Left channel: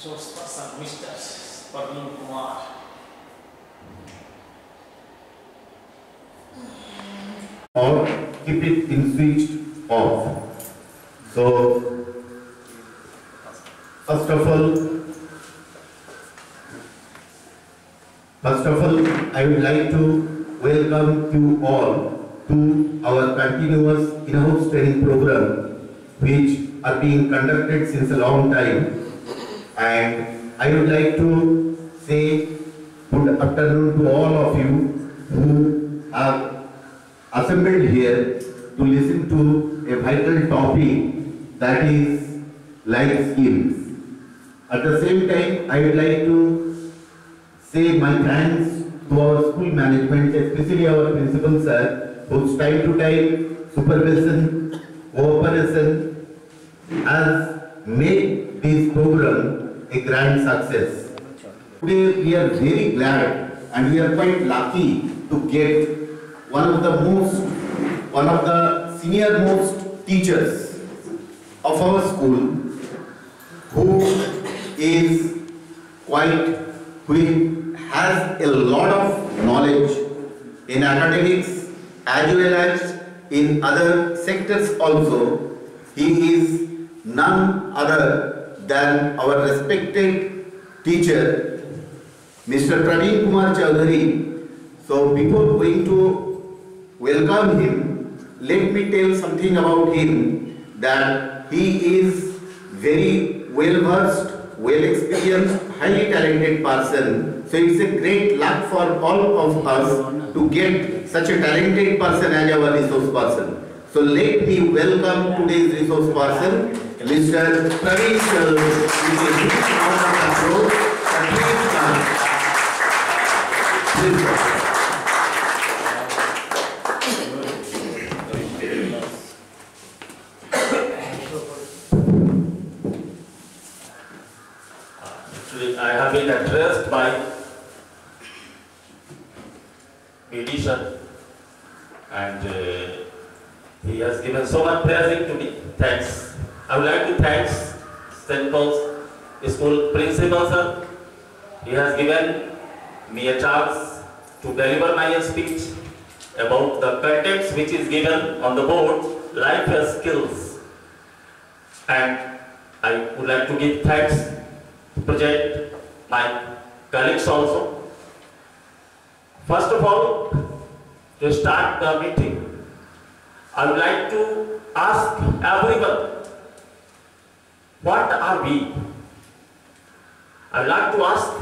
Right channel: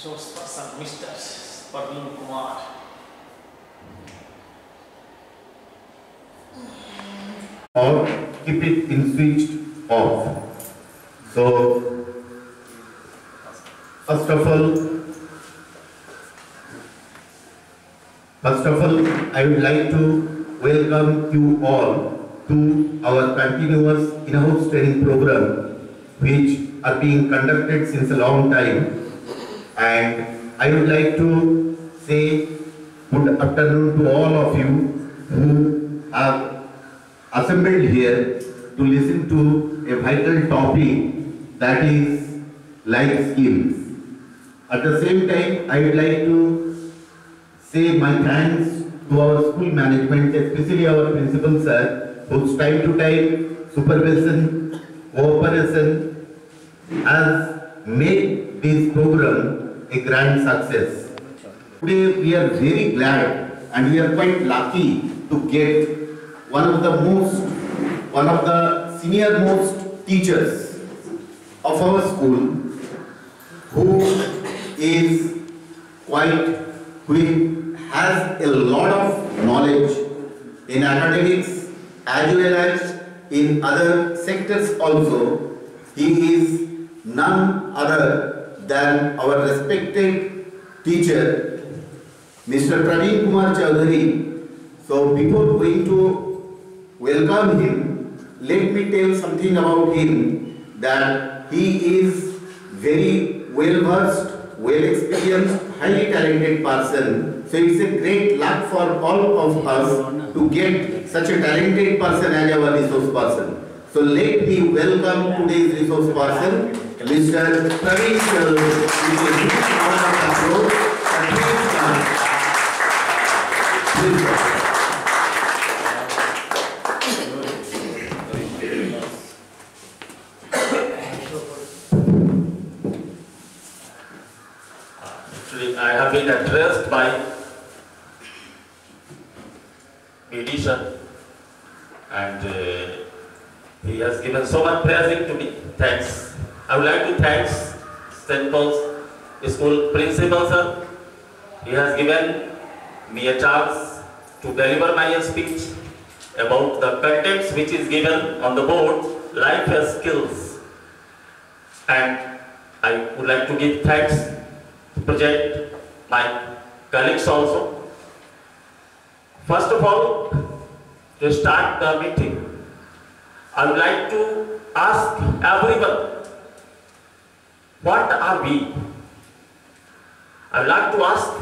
resource person, Mr. Praveen Kumar. Or keep it in switched off. So, first of all, I would like to welcome you all to our continuous in-house training program, which are being conducted since a long time. And I would like to say good afternoon to all of you who have assembled here to listen to a vital topic, that is life skills. At the same time, I would like to say my thanks to our school management, especially our principal sir, whose time to time supervision, cooperation has made this program a grand success. Today we are very glad and we are quite lucky to get one of the senior most teachers of our school, who has a lot of knowledge in academics as well as in other sectors also. He is none other than our respected teacher, Mr. Praveen Kumar Chaudhary. So before going to welcome him, let me tell something about him, that he is very well versed, well experienced, highly talented person. So it's a great luck for all of us to get such a talented person as our resource person. So let me welcome today's resource person, Mr. Praveen Chaudhary. I have been addressed by musician, and he has given so much praising to me. Thanks. I would like to thank St. Paul's School Principal Sir. He has given me a chance to deliver my speech about the contents which is given on the board, life as skills. And I would like to give thanks to present my colleagues also. First of all, to start the meeting, I would like to ask everyone, what are we? I would like to ask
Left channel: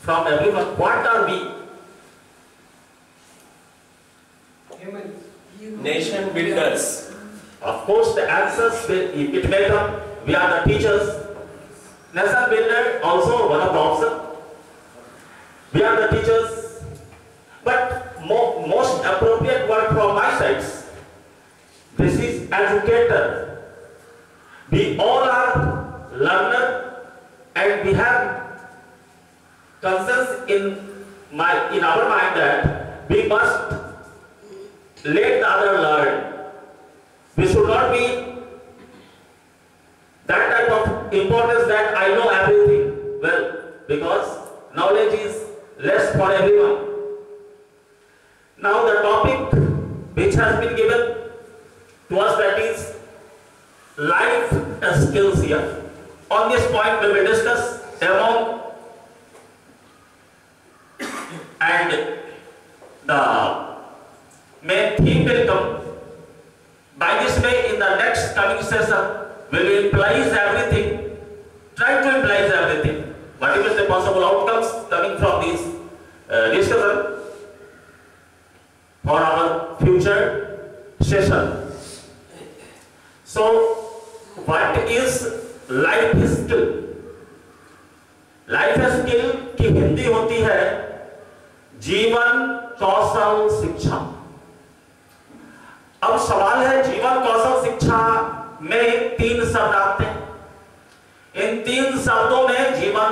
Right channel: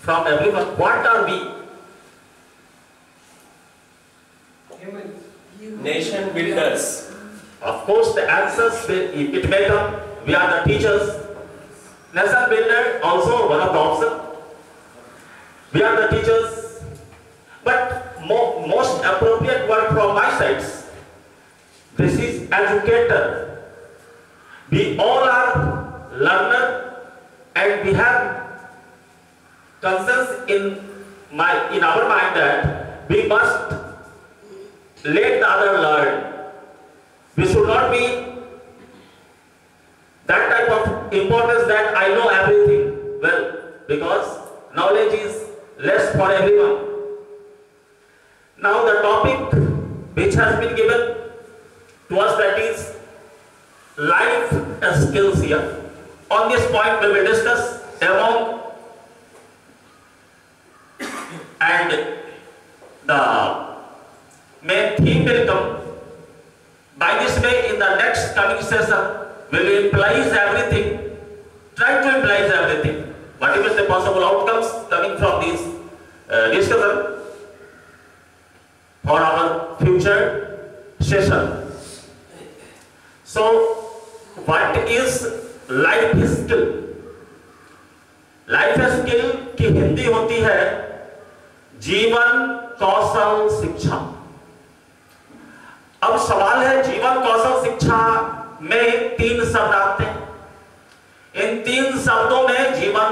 from everyone, what are we? Nation builders. Of course, the answers it may come. We are the teachers. Nation builder also one of the options. We are the teachers. But most appropriate word from my side, this is educator. We all are learner, and we have consensus in our mind that we must let the other learn. We should not be that type of importance that I know everything well, because knowledge is less for everyone. Now the topic which has been given to us, that is life skills here. On this point we will discuss among, and the main theme will come. By this way, in the next coming session, we will imply everything, try to imply everything. Whatever is the possible outcomes coming from this discussion for our future session. So, what is life skill? Life skill की हिंदी होती है जीवन कौशल शिक्षा। अब सवाल है, जीवन कौशल शिक्षा में 3 शब्द आते हैं। इन 3 शब्दों में जीवन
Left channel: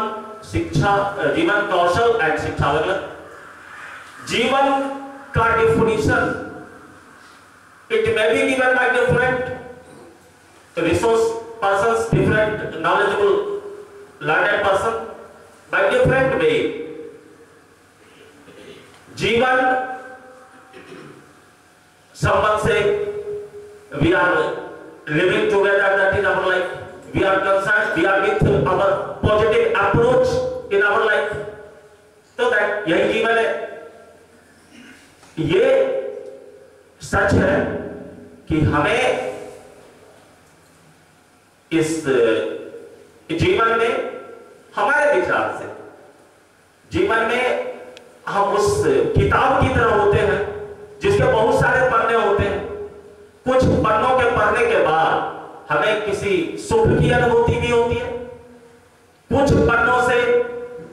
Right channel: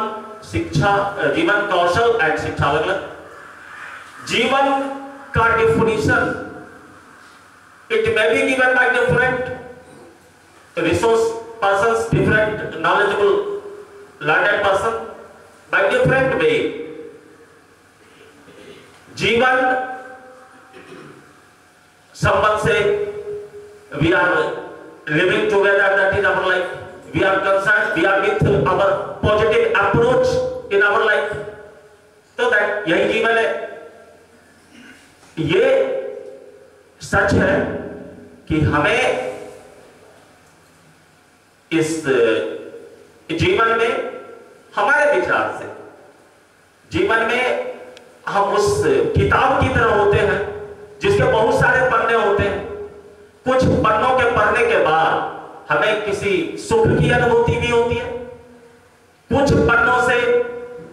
कौशल एंड शिक्षा अलग। जीवन का definition it may be given by different resource persons, different knowledgeable learned person by different way. जीवन संबंध से we are living together, that is our life. We are concerned, we are with our positive approach in our life. तो that यही जीवन है. ये सच है कि हमें इस जीवन में हमारे विचार से जीवन में हम उस किताब की तरह होते हैं जिसके बहुत सारे पन्ने होते हैं. कुछ पन्नों के पढ़ने के बाद हमें किसी सुख की अनुभूति भी होती है. कुछ पन्नों से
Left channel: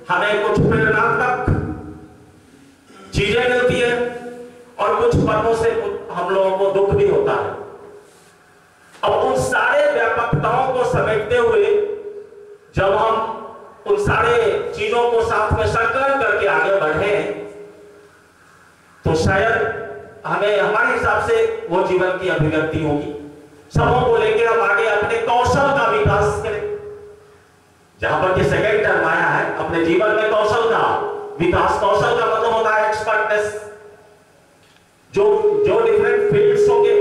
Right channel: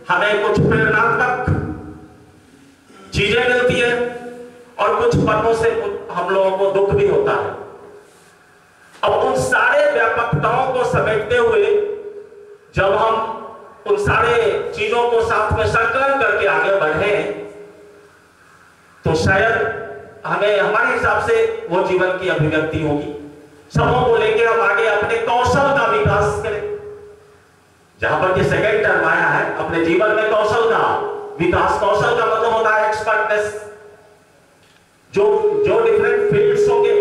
हमें कुछ प्रेरणात्मक चीजें मिलती है और कुछ पन्नों से हम लोगों को दुख भी होता है. अब उन सारे व्यापकताओं को समेटते हुए जब हम उन सारे चीजों को साथ में संकलन करके आगे बढ़े तो शायद हमें हमारे हिसाब से वो जीवन की अभिव्यक्ति होगी. सबों को लेकर हम आगे अपने कौशल का विकास करें. जहां पर ये सेकंड टर्म आया है, अपने जीवन में कौशल का विकास. कौशल का मतलब होता है एक्सपर्टनेस. जो डिफरेंट फील्ड्स होंगे,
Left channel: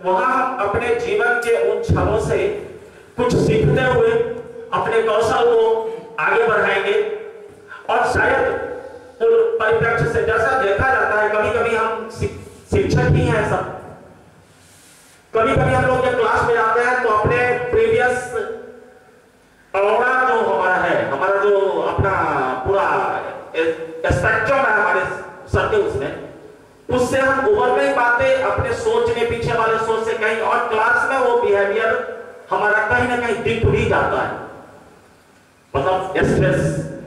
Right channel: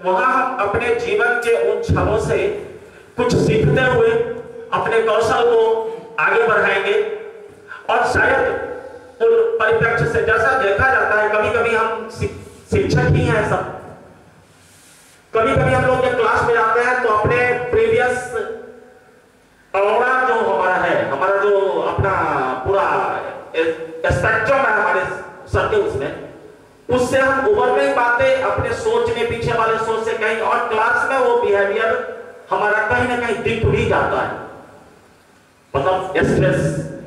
वहां हम अपने जीवन के उन क्षणों से कुछ सीखते हुए अपने कौशल को आगे बढ़ाएंगे. और शायद उन परिप्रेक्ष्य से जैसा देखा जाता है, कभी कभी हम शिक्षक ही हैं सब. कभी कभी हम लोग जब क्लास में जाते हैं तो अपने प्रीवियस ऑरा जो हमारा है, हमारा जो अपना पूरा स्पेक्ट्रम है हमारे सर्कल्स में, उससे हम उभर नहीं पाते. अपने सोच में पीछे वाले सोच से कहीं और क्लास में वो बिहेवियर हमारा कहीं ना कहीं दिख भी जाता है. मतलब स्ट्रेस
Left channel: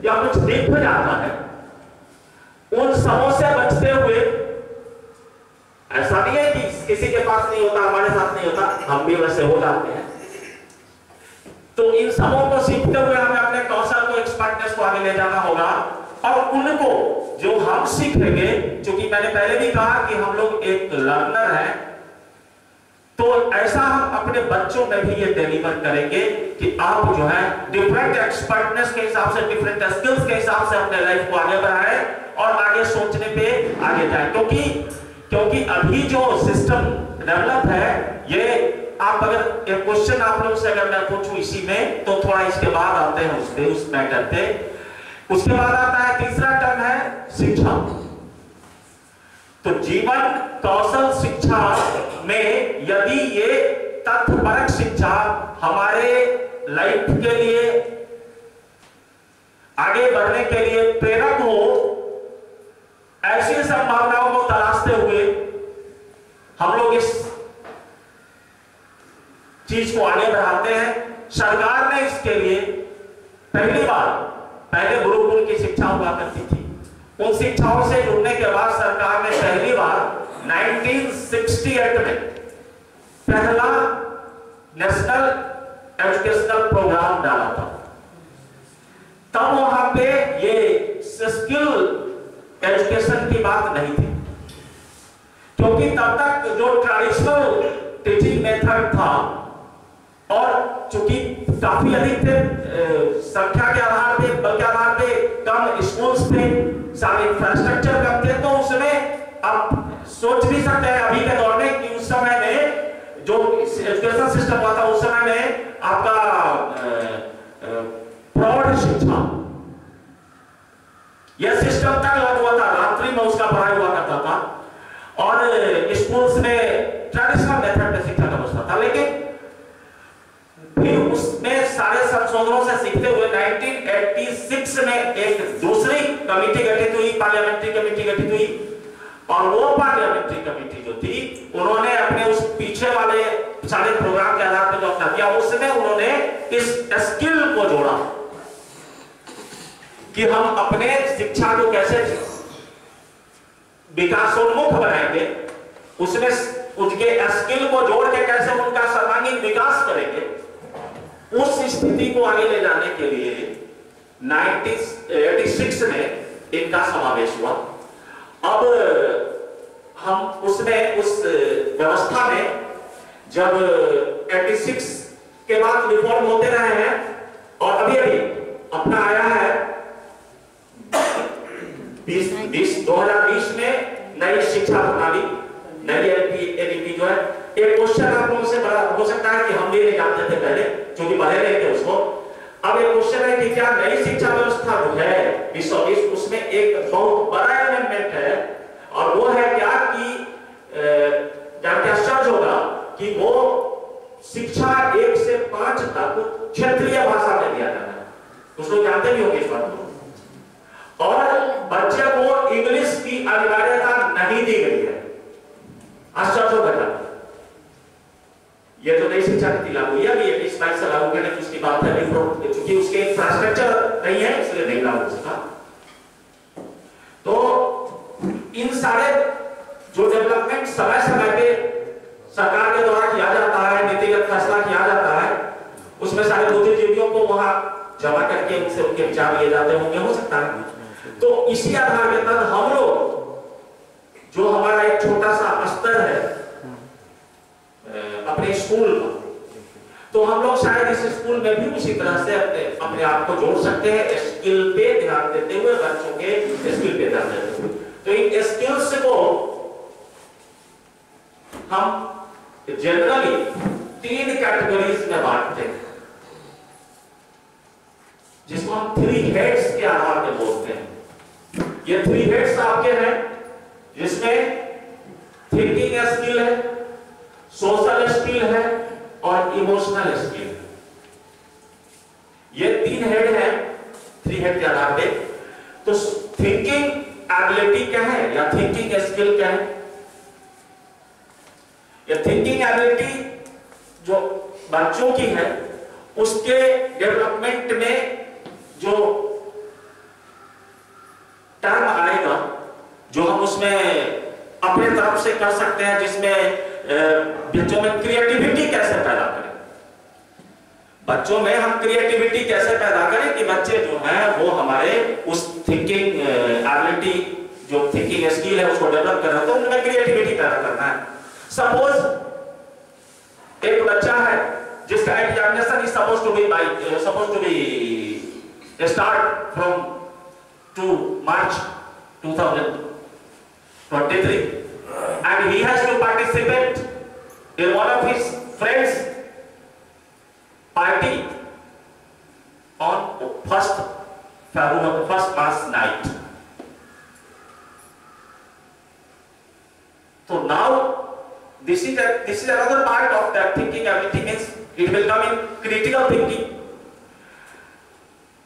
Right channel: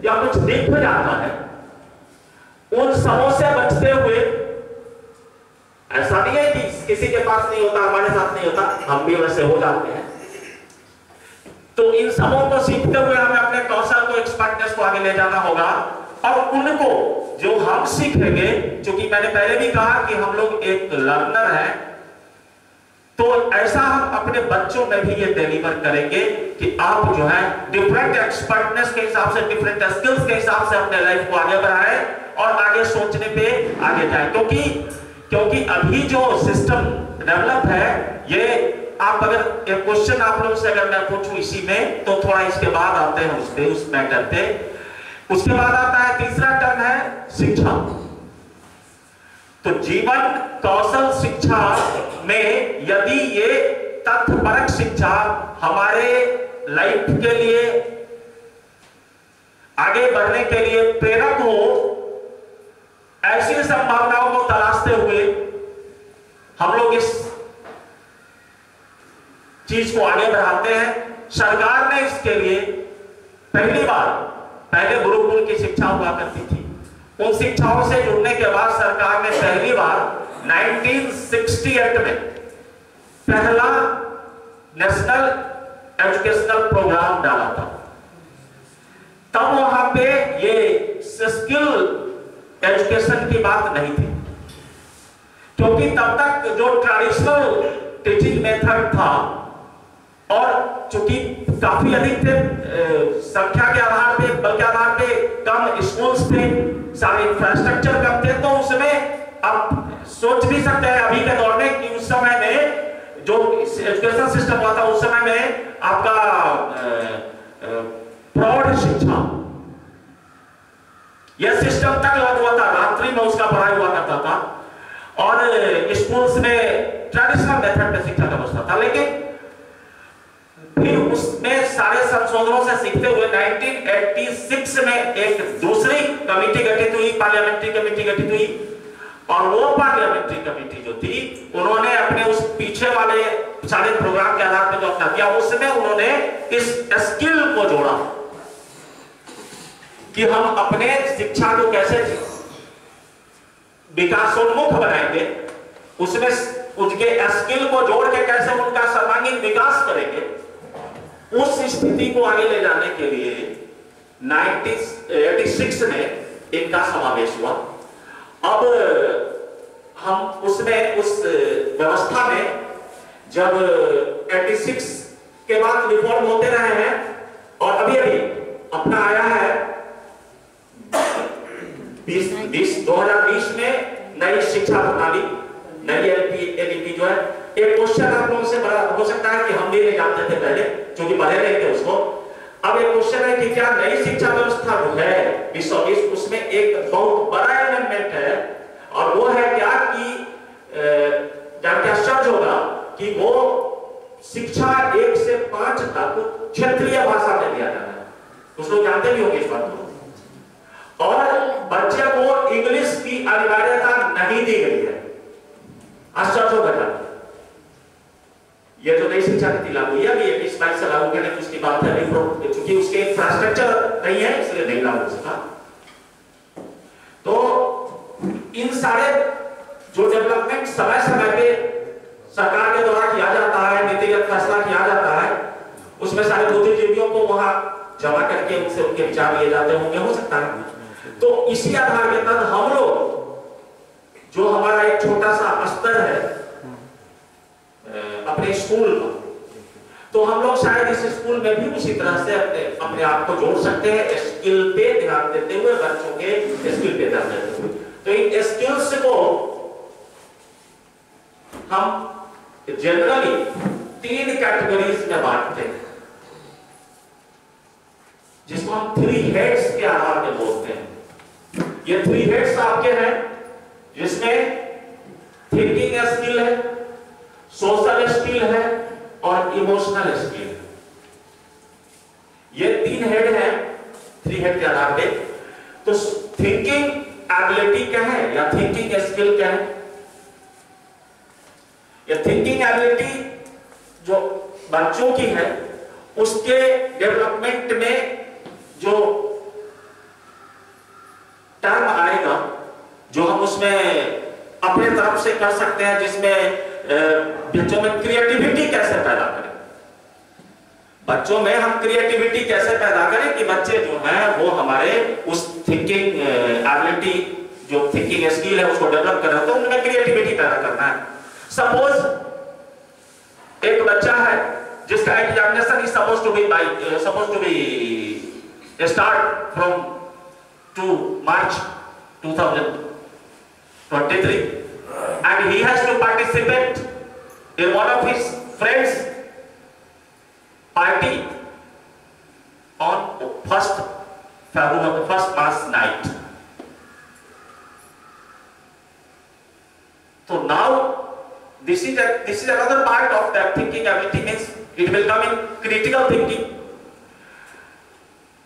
या कुछ दिख भी जाता है. उन समों से बचते हुए, ऐसा नहीं है कि किसी के पास नहीं होता, हमारे साथ नहीं होता, हम भी वैसे हो जाते हैं. तो इन समों को सीखते हुए हमें अपने कौशल को, एक्सपर्टनेस को आगे ले जाना होगा. और उनको जो हम सीखेंगे, क्योंकि मैंने पहले भी कहा कि हम लोग एक लर्नर हैं, तो ऐसा हम अपने बच्चों में भी ये डिलीवर करेंगे कि आप जो है डिफरेंट एक्सपर्टनेस के हिसाब से, डिफरेंट स्किल्स के हिसाब से अपने लाइफ को आगे बढ़ाएं और आगे सोचने पे आगे जाएं. क्योंकि अभी जो सिस्टम डेवलप है, ये आप अगर एक क्वेश्चन आप लोगों से अगर मैं पूछूं इसी में, तो थोड़ा इसके बाद आते हैं उस मैटर पे. उसके बाद आता है तीसरा टर्म है शिक्षा. तो जीवन कौशल शिक्षा में यदि ये तथ्यपरक शिक्षा हमारे लाइफ के लिए आगे बढ़ने के लिए प्रेरक हो, ऐसी संभावनाओं को तलाशते हुए हम लोग इस चीज को आगे बढ़ाते हैं. सरकार ने इसके लिए पहली बार, पहले गुरुकुल की शिक्षा हुआ करती थी, उन शिक्षाओं से जुड़ने के बाद सरकार ने पहली बार 1968 में पहला नेशनल एजुकेशनल प्रोग्राम डाला था. तब वहां पे ये स्किल एजुकेशन की बात नहीं थी, क्योंकि तब तक जो ट्रेडिशनल टीचिंग मेथड था, और चूंकि काफी अधिक थे संख्या के आधार पे, बल के आधार पे कम स्कूल्स थे, सारे इंफ्रास्ट्रक्चर कम थे, तो उसमें आप सोच भी सकते हैं अभी के दौर में कि उस समय में जो एजुकेशन सिस्टम हुआ था, उस समय में आपका प्रौढ़ शिक्षा यह सिस्टम तक लागू हुआ था. रात्रि में उसका पढ़ाई हुआ करता था और स्कूल्स में ट्रेडिशनल मेथड में शिक्षा का व्यवस्था था. लेकिन फिर उसमें सारे संशोधनों से सीखते हुए 1986 में एक दूसरी कमेटी गठित हुई, पार्लियामेंट्री कमेटी गठित हुई. और वो पार्लियामेंट्री कमेटी जो थी, उन्होंने अपने उस पीछे वाले सारे प्रोग्राम के आधार पर जो अपना किया, उसमें उन्होंने इस स्किल को जोड़ा कि हम अपने शिक्षा को कैसे विकासोन्मुख बनाएंगे, उसमें उनके स्किल को जोड़ के कैसे उनका सर्वांगीण विकास करेंगे. उस स्थिति को आगे ले जाने के लिए 1986 में इनका समावेश हुआ। अब हम उसमें उस व्यवस्था में जब 86 के बाद रिफॉर्म होते रहे हैं और अभी अपना आया है 2020 में नई शिक्षा प्रणाली, नई एनईपी जो है। एक क्वेश्चन आप लोगों से बड़ा हो सकता है कि हम भी नहीं जानते थे पहले, क्योंकि पढ़े नहीं थे उसको। अब एक क्वेश्चन है कि क्या नई शिक्षा व्यवस्था जो है 2020 उसमें एक बहुत बड़ा अमेंडमेंट है, और वो है क्या कि जान के आश्चर्य होगा कि वो शिक्षा 1 से 5 तक क्षेत्रीय भाषा में दिया जाता है। कुछ लोग जानते भी होंगे इस बात को। और बच्चे को इंग्लिश की अनिवार्यता नहीं दी गई है। आश्चर्य होगा। ये तो नई शिक्षा नीति लागू हुई है, 2022 से लागू करने की उसकी बात है, क्योंकि उसके इंफ्रास्ट्रक्चर नहीं है इसलिए नहीं लागू हो सका। तो इन सारे जो डेवलपमेंट समय समय पे सरकार के द्वारा किया जाता है, नीतिगत फैसला किया जाता है, उसमें सारे बुद्धिजीवियों को वहां जमा करके उनसे उनके विचार लिए जाते होंगे, हो सकता है। तो इसी आधार के तहत हम लोग जो हमारा एक छोटा सा स्तर है अपने स्कूल का, तो हम लोग शायद इस स्कूल में भी उसी तरह से अपने आप को जोड़ सकते हैं, स्किल पे ध्यान देते हुए, बच्चों के स्किल पे ध्यान देते हुए। तो इन स्किल्स को हम जनरली 3 कैटेगरीज में बांटते हैं, जिसको हम 3 हेड्स के आधार पे बोलते हैं। ये 3 हेड्स आपके हैं, जिसमें थिंकिंग स्किल है, सोशल स्किल है और इमोशनल स्किल है। ये 3 हेड हैं 3 हेड के आधार पे। तो थिंकिंग एबिलिटी क्या है या थिंकिंग स्किल क्या है? या थिंकिंग एबिलिटी जो बच्चों की है, उसके डेवलपमेंट में जो टर्म आएगा, जो हम उसमें अपने तरफ से कर सकते हैं, जिसमें बच्चों में क्रिएटिविटी कैसे पैदा करें, बच्चों में हम क्रिएटिविटी कैसे पैदा करें कि बच्चे जो हैं वो हमारे उस थिंकिंग एबिलिटी, जो थिंकिंग स्किल है उसको डेवलप कर रहे हैं, तो उनमें क्रिएटिविटी पैदा करना है। सपोज एक बच्चा है जिसका examination is suppose to be start from 2 March 2023 and he has to participate in one of his friends party on 1st March night. So now this is another part of that thinking ability, means it will come in critical thinking.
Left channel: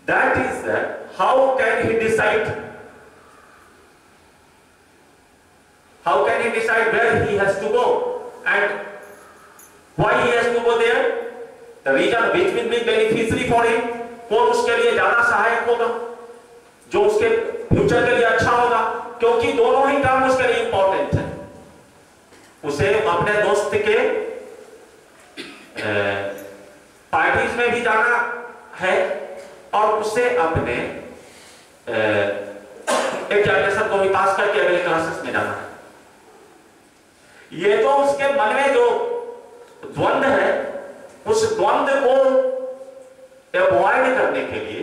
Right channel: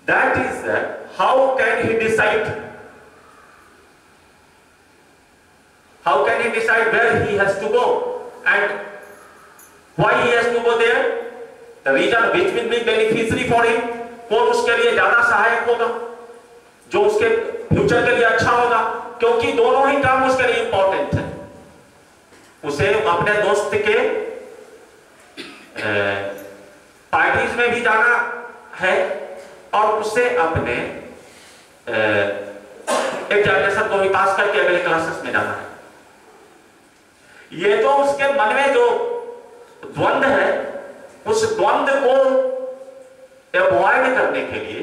That is how can he decide? How can he decide where he has to go and why he has to go there? The region which will be beneficiary for him, कौन उसके लिए ज्यादा सहायक होगा, जो उसके future के लिए अच्छा होगा, क्योंकि दोनों ही काम उसके लिए इंपॉर्टेंट है। उसे अपने दोस्त के पार्टीज में भी जाना है और उसे अपने एग्जामिनेशन को भी पास करके अगले क्लासेस में जाना है। ये तो उसके मन में जो द्वंद्व है, उस द्वंद्व को अवॉइड करने के लिए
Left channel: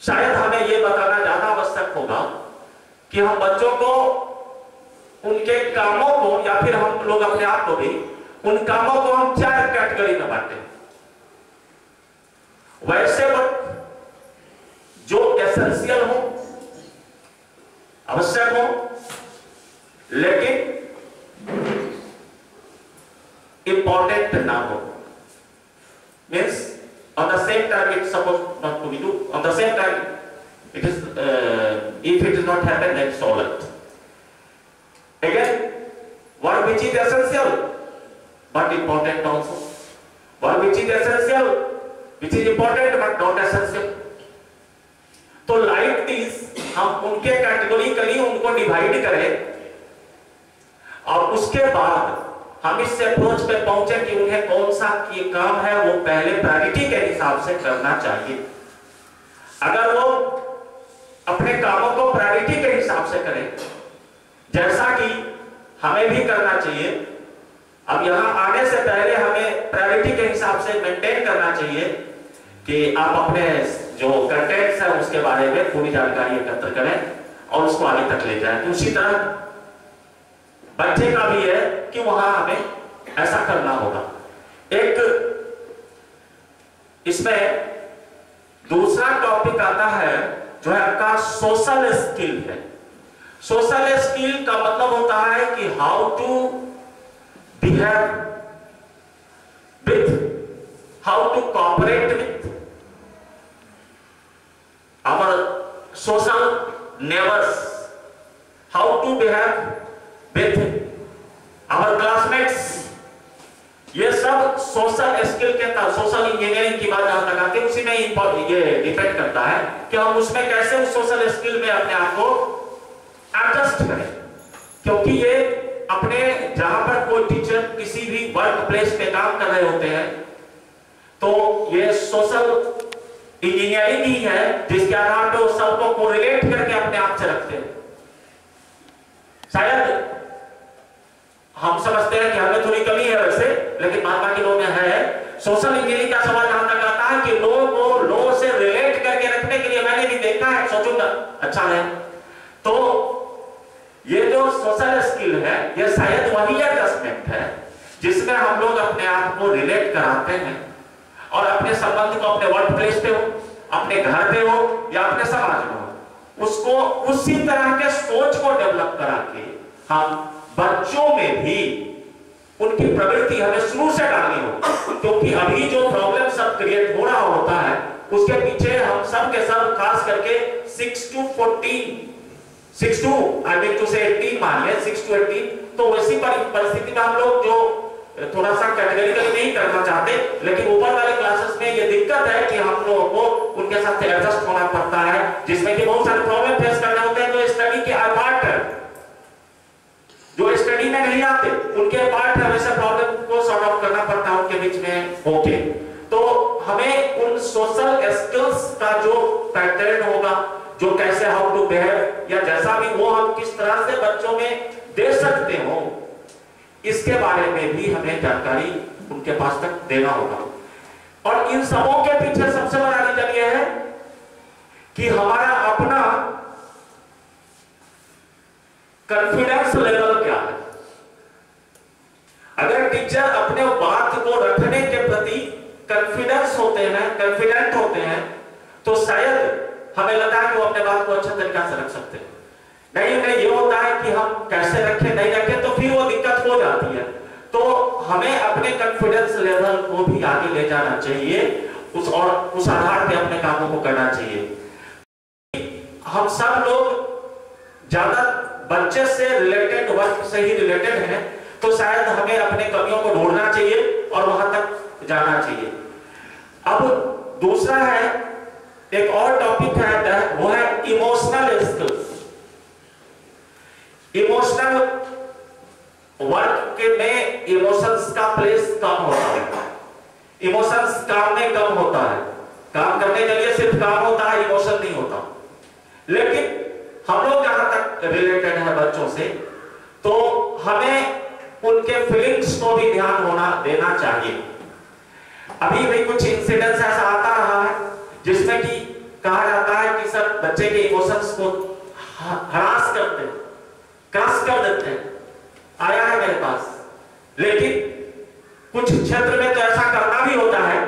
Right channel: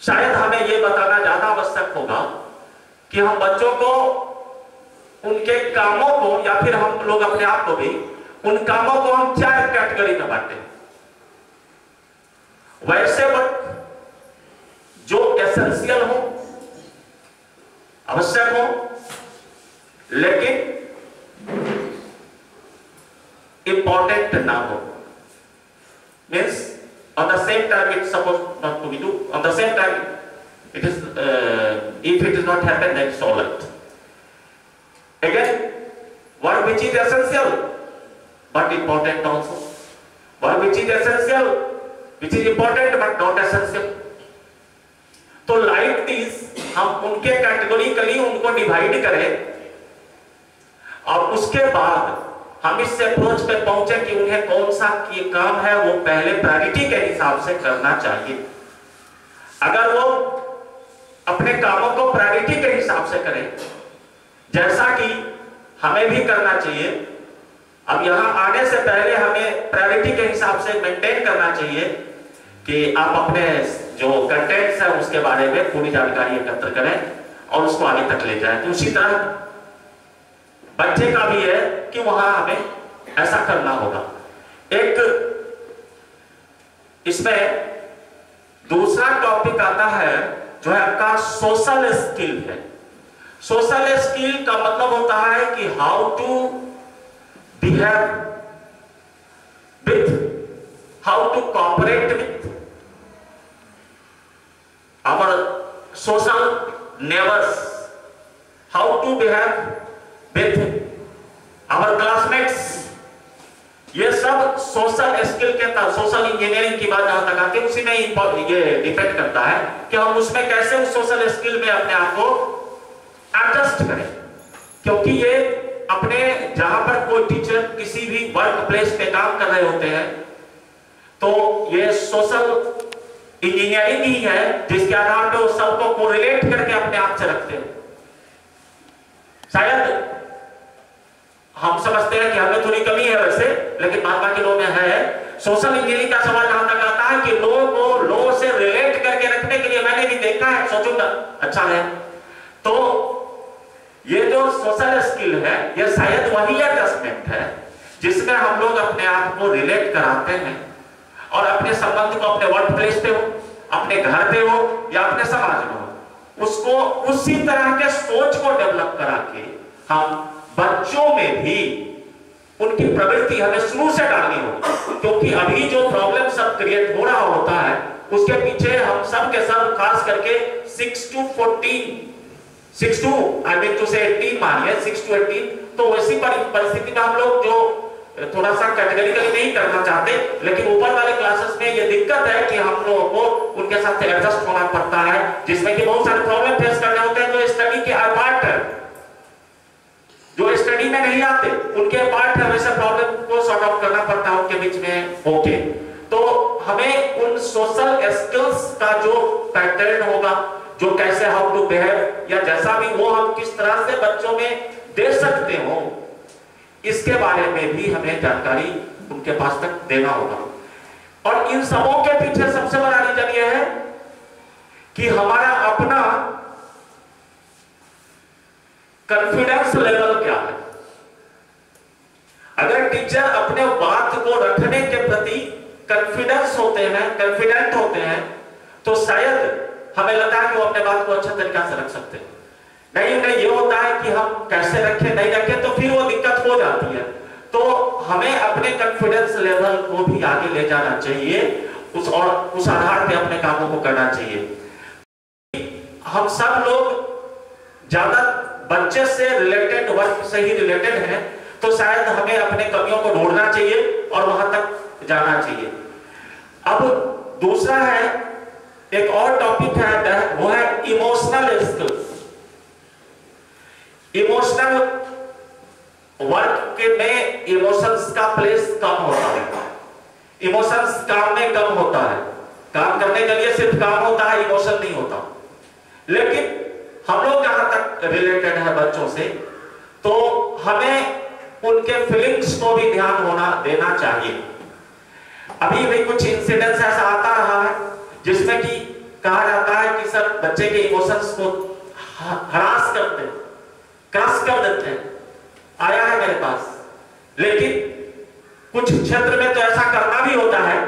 शायद हमें ये बताना ज्यादा आवश्यक होगा कि हम बच्चों को उनके कामों को, या फिर हम लोग अपने आप को भी उन कामों को हम 4 कैटेगरी में बांटे। वैसे वर्क जो एसेंशियल हो, आवश्यक हो, लेकिन इंपॉर्टेंट ना हो, means on the same time it's supposed not to be do, on the same time it is if it is not happen then it's all right. Again, work which is essential but important also, work which is essential which is important but not essential. तो like this हम उनके categorically उनको divide करें और उसके बाद हम इस अप्रोच पे पहुंचे कि उन्हें कौन सा ये काम है वो पहले प्रायोरिटी के हिसाब से करना चाहिए। अगर वो अपने कामों को प्रायोरिटी के हिसाब से करें, जैसा कि हमें भी करना चाहिए, अब यहां आने से पहले हमें प्रायोरिटी के हिसाब से मेंटेन करना चाहिए कि आप अपने जो कंटेंट्स है उसके बारे में पूरी जानकारी एकत्र करें और उसको आगे तक ले जाएं। तो उसी तरह बच्चे का भी है कि वहां हमें ऐसा करना होगा। एक इसमें दूसरा टॉपिक आता है जो है आपका सोशल स्किल है। सोशल स्किल का मतलब होता है कि how to behave with, how to cooperate with our social neighbors, how to behave with our classmates। ये सब सोशल स्किल के तहत, सोशल इंजीनियरिंग की बात जहां तक आती है उसी में ये डिपेंड करता है कि हम उसमें कैसे उस सोशल स्किल में अपने आप को एडजस्ट करें। क्योंकि ये अपने जहां पर कोई टीचर किसी भी वर्क प्लेस पे काम कर रहे होते हैं तो ये सोशल इंजीनियरिंग ही है जिसके आधार पर वो सबको कोरिलेट करके अपने आप से रखते हैं। शायद हम समझते हैं कि हमें थोड़ी कमी है वैसे, लेकिन बाकी के लोगों में है। सोशल इंजीनियरिंग का सवाल जहां तक आता है कि लोगों को लोगों से रिलेट करके रखने के लिए मैंने भी देखा है, सोचूंगा अच्छा है। तो ये जो सोशल स्किल है ये शायद वही एडजस्टमेंट है जिसमें हम लोग अपने आप को रिलेट कराते हैं और अपने संबंध को अपने वर्क प्लेस पे हो, अपने घर पे हो या अपने समाज में हो, उसको उसी तरह के सोच को डेवलप करा के हम बच्चों में भी उनकी प्रवृत्ति हमें शुरू से डालनी हो। क्योंकि अभी जो प्रॉब्लम सब क्रिएट हो रहा होता है उसके पीछे हम सब के सब खास करके 6 to 18 मानिए 6 to 18, तो वैसी परिस्थिति में हम लोग जो थोड़ा सा कैटेगरिकली नहीं करना चाहते, लेकिन ऊपर वाले क्लासेस में ये दिक्कत है कि हम लोगों को उनके साथ एडजस्ट होना पड़ता है, जिसमें कि बहुत सारे प्रॉब्लम फेस करने होते हैं जो स्टडी के पार्ट है, जो स्टडी में नहीं आते उनके पार्ट है, वैसे प्रॉब्लम को सॉर्ट आउट करना पड़ता है उनके बीच में होके। तो हमें उन सोशल स्किल्स का जो पैटर्न होगा, जो कैसे हाउ टू बिहेव या जैसा भी वो हम किस तरह से बच्चों में दे सकते हो, इसके बारे में भी हमें जानकारी उनके पास तक देना होगा। और इन सबों के पीछे सबसे बड़ा रीजन यह है कि हमारा अपना कॉन्फिडेंस लेवल क्या है। अगर टीचर अपने बात को रखने के प्रति कॉन्फिडेंस होते हैं, कॉन्फिडेंट होते हैं, तो शायद हमें लगता है कि वो अपने बात को अच्छे तरीके से रख सकते हैं। नहीं ये होता है कि हम कैसे रखें नहीं रखें तो फिर वो दिक्कत हो जाती है। तो हमें अपने कॉन्फिडेंस लेवल को भी आगे ले जाना चाहिए, उस आधार पे अपने कामों को करना चाहिए। हम सब लोग ज्यादा बच्चे से रिलेटेड, वर्क से ही रिलेटेड हैं, तो शायद हमें अपने कमियों को ढूंढना चाहिए और वहां तक जाना चाहिए। अब दूसरा है, एक और टॉपिक है, वो है इमोशनल स्किल्स। इमोशनल वर्क के में इमोशंस का प्लेस कम होता है। इमोशंस काम में कम होता है, काम करने के लिए सिर्फ काम होता है, इमोशन नहीं होता। लेकिन हम लोग जहां तक रिलेटेड है बच्चों से, तो हमें उनके फीलिंग्स को भी ध्यान होना देना चाहिए। अभी भी कुछ इंसिडेंट्स ऐसा आता रहा है जिसमें कि कहा जाता है कि सर बच्चे के इमोशंस को हरास करते हैं, क्रश कर देते हैं, आया है मेरे पास। लेकिन कुछ क्षेत्र में तो ऐसा करना भी होता है,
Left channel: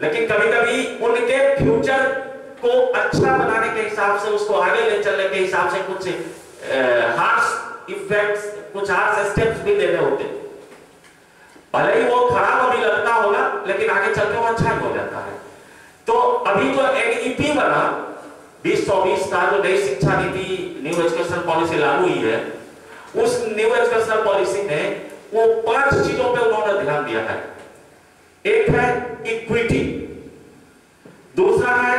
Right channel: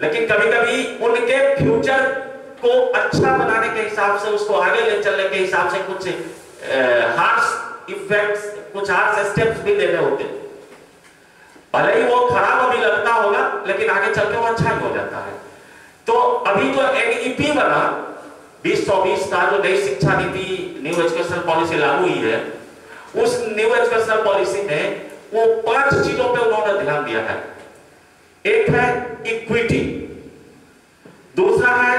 लेकिन कभी कभी उनके फ्यूचर को अच्छा बनाने के हिसाब से, उसको आगे ले चलने के हिसाब से कुछ हार्श इफेक्ट्स, कुछ हार्श स्टेप्स भी लेने होते हैं। भले ही वो खराब अभी लगता होगा, लेकिन आगे चल के वो अच्छा ही हो जाता है। तो अभी जो NEP बना 2024 का, जो नई शिक्षा नीति, न्यू एजुकेशन पॉलिसी लागू हुई है, उस न्यू एजुकेशन पॉलिसी में वो 5 चीजों पे उन्होंने ध्यान दिया है। एक है इक्विटी, दूसरा है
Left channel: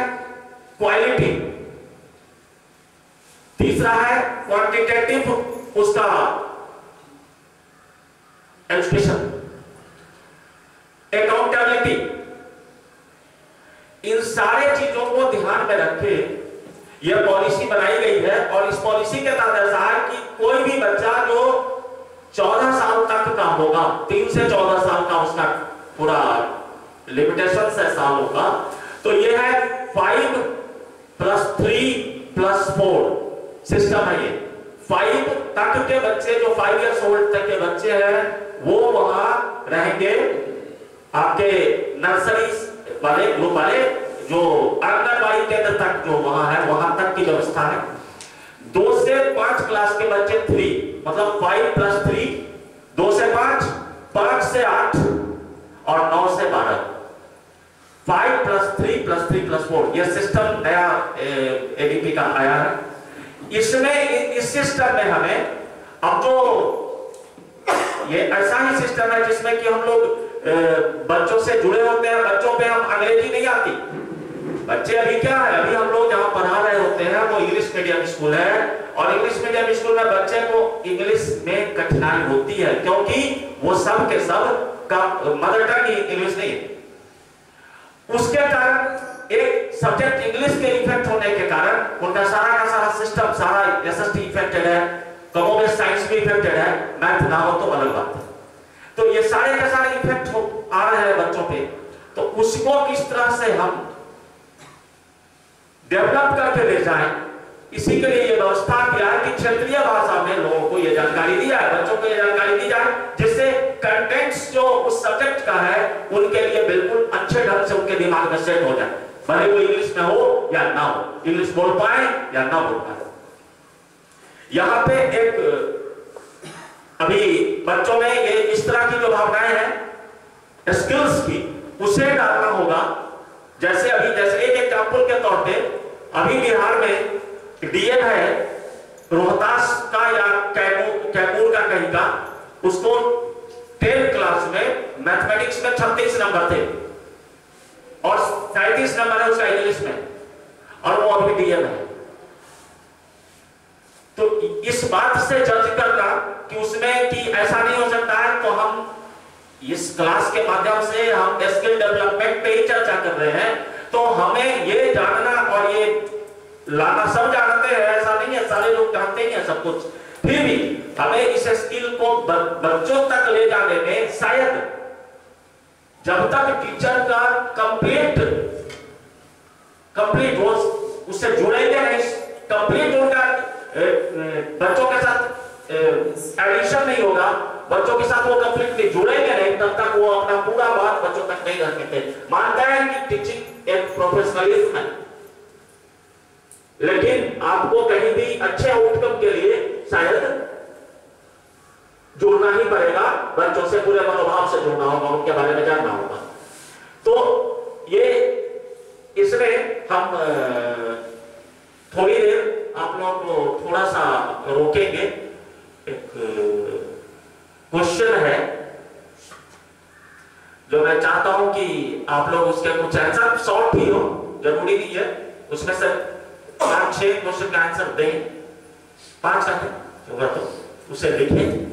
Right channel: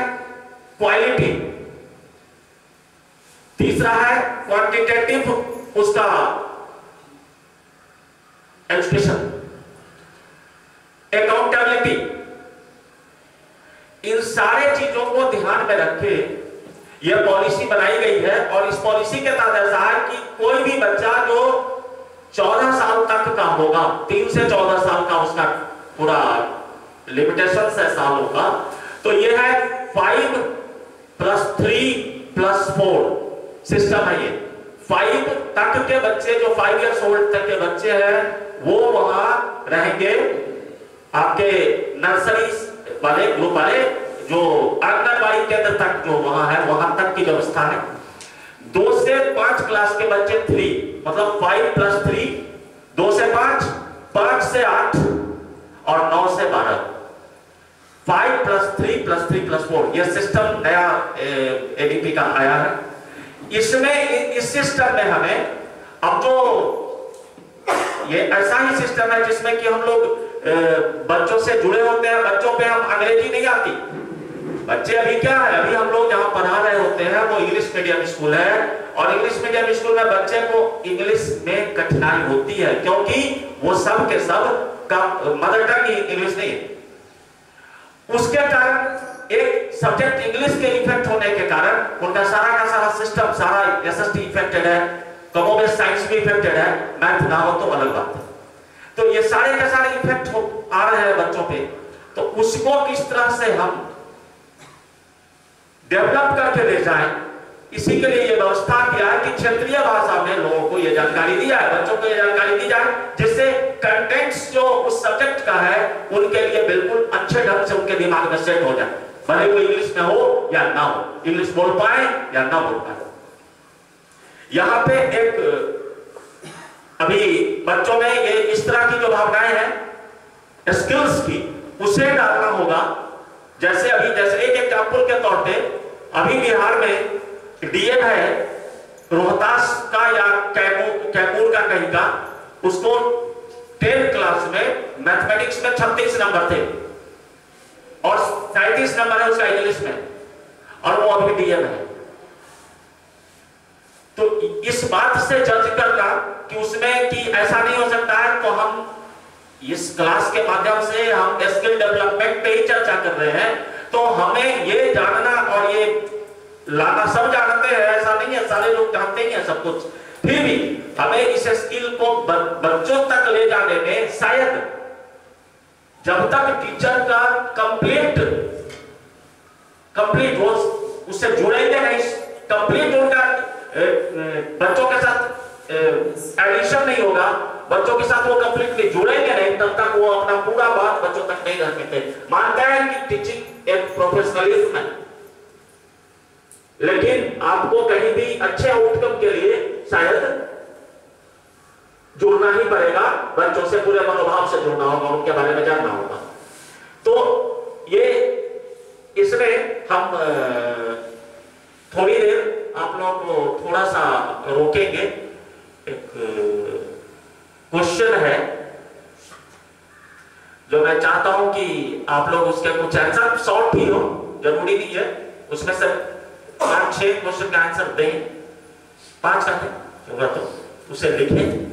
क्वालिटी, तीसरा है क्वांटिटेटिव उसका एजुकेशन, अकाउंटेबिलिटी, इन सारे चीजों को ध्यान में रखे यह पॉलिसी बनाई गई है। और इस पॉलिसी के तहत ऐसा है कि कोई भी बच्चा जो 14 साल तक का होगा, 3 से 14 साल का उसका पूरा लिमिटेशन है सालों का, तो यह है 5+3+4 सिस्टम है। ये 5 तक के बच्चे, जो 5 इयर्स ओल्ड तक के बच्चे हैं, वो वहां रहेंगे। आपके नर्सरी वाले ग्रुप वाले जो आंगनबाड़ी केंद्र तक जो वहां है, वहां तक की व्यवस्था है। 2 से 5 क्लास के बच्चे 3, मतलब 5+3, 2 से 5, 5 से 8 और 9 से 12, 5+3+3+4 यह सिस्टम नया एडीपी का आया है। इसमें इस सिस्टम में हमें अब जो ये ऐसा ही सिस्टम है जिसमें कि हम लोग बच्चों से जुड़े होते हैं, बच्चों पे हम अंग्रेजी नहीं आती। बच्चे अभी क्या है, अभी हम लोग जहां पढ़ा रहे होते हैं वो इंग्लिश मीडियम स्कूल है, और इंग्लिश मीडियम स्कूल में बच्चे को इंग्लिश में कठिनाई होती है, क्योंकि वो सब के सब का मदर टंग इंग्लिश नहीं है। उसके कारण एक सब्जेक्ट इंग्लिश के इफेक्ट होने के कारण उनका सारा का सारा सिस्टम, सारा एसएसटी इफेक्टेड है, कमोबेश साइंस भी इफेक्टेड है, मैथ ना हो तो अलग बात है। तो ये सारे के सारे इफेक्ट आ रहे हैं बच्चों पे, तो उसको किस तरह से हम डेवलप करके ले जाएं, इसी के लिए ये व्यवस्था किया है कि क्षेत्रीय भाषा में लोगों को ये जानकारी दिया है, बच्चों को ये जानकारी दी जाए, जिससे कंटेंट्स जो उस सब्जेक्ट का है उनके लिए बिल्कुल अच्छे ढंग से उनके दिमाग में सेट हो जाए, भले वो इंग्लिश में हो या ना हो, इंग्लिश बोल पाए या ना बोल पाए। यहां पे एक अभी बच्चों में ये इस तरह की जो भावनाएं हैं स्किल्स की, उसे डालना होगा। जैसे एक एग्जाम्पल के तौर पे अभी बिहार में डीएम है रोहतास का या कैमूर का कहीं का, उसको 10th क्लास में मैथमेटिक्स में 36 नंबर थे और 37 नंबर है उसका इंग्लिश में, और वो अभी डीएम है। तो इस बात से जज करना कि उसमें कि ऐसा नहीं हो सकता है, तो हम इस क्लास के माध्यम से हम स्किल डेवलपमेंट पे ही चर्चा कर रहे हैं, तो हमें ये जानना और ये लाना, सब जानते हैं ऐसा नहीं है, सारे लोग जानते ही हैं सब कुछ, फिर भी हमें इस स्किल को बच्चों तक ले जाने में शायद जब तक टीचर का कंप्लीट वो उससे जुड़ेंगे नहीं, कंप्लीट उनका बच्चों के साथ एडिशन नहीं होगा, बच्चों के साथ वो कंप्लीटली जुड़ेंगे नहीं, तब तक वो अपना पूरा बात बच्चों तक नहीं रख सकते। मानते हैं कि टीचिंग एक प्रोफेशनलिज्म है, लेकिन आपको कहीं भी अच्छे आउटकम के लिए शायद जुड़ना ही पड़ेगा, बच्चों से पूरे मनोभाव से जुड़ना होगा, उनके बारे में जानना होगा। तो ये इसमें हम थोड़ी देर आप लोग को थोड़ा सा रोकेंगे। एक क्वेश्चन है जो मैं चाहता हूं कि आप लोग उसके कुछ आंसर, शॉर्ट ही हो, जरूरी नहीं है उसमें से 5-6 क्वेश्चन का आंसर दें, 5 का होगा तो उसे लिखें।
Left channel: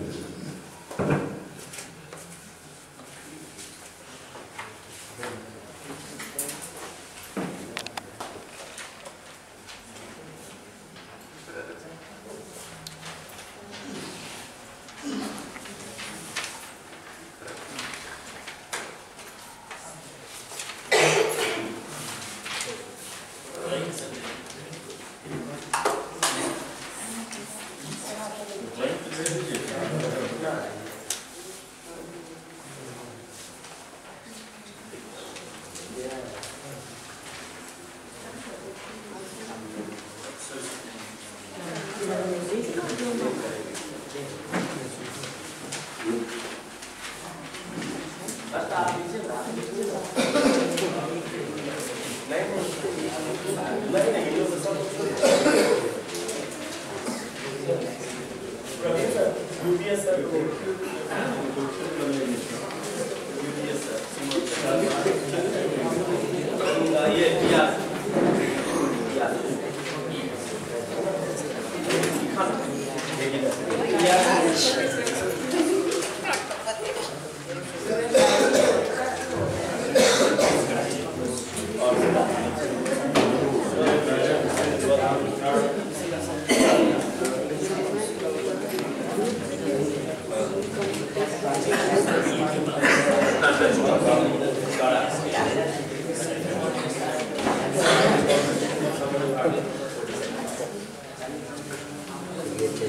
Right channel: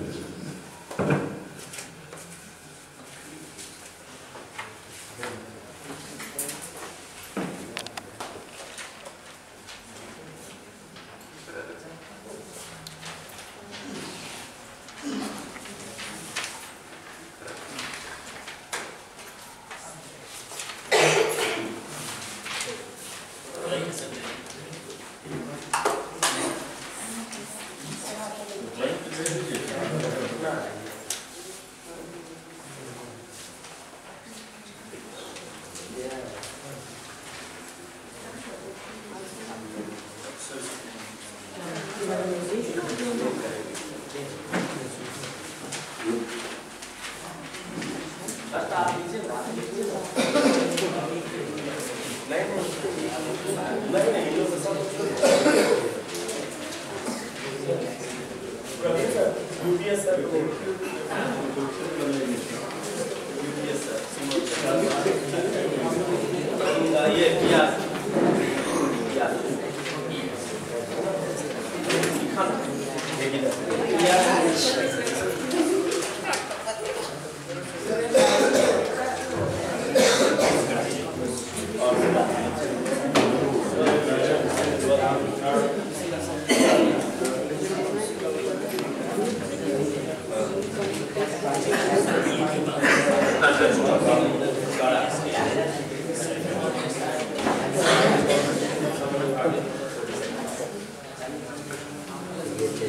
Your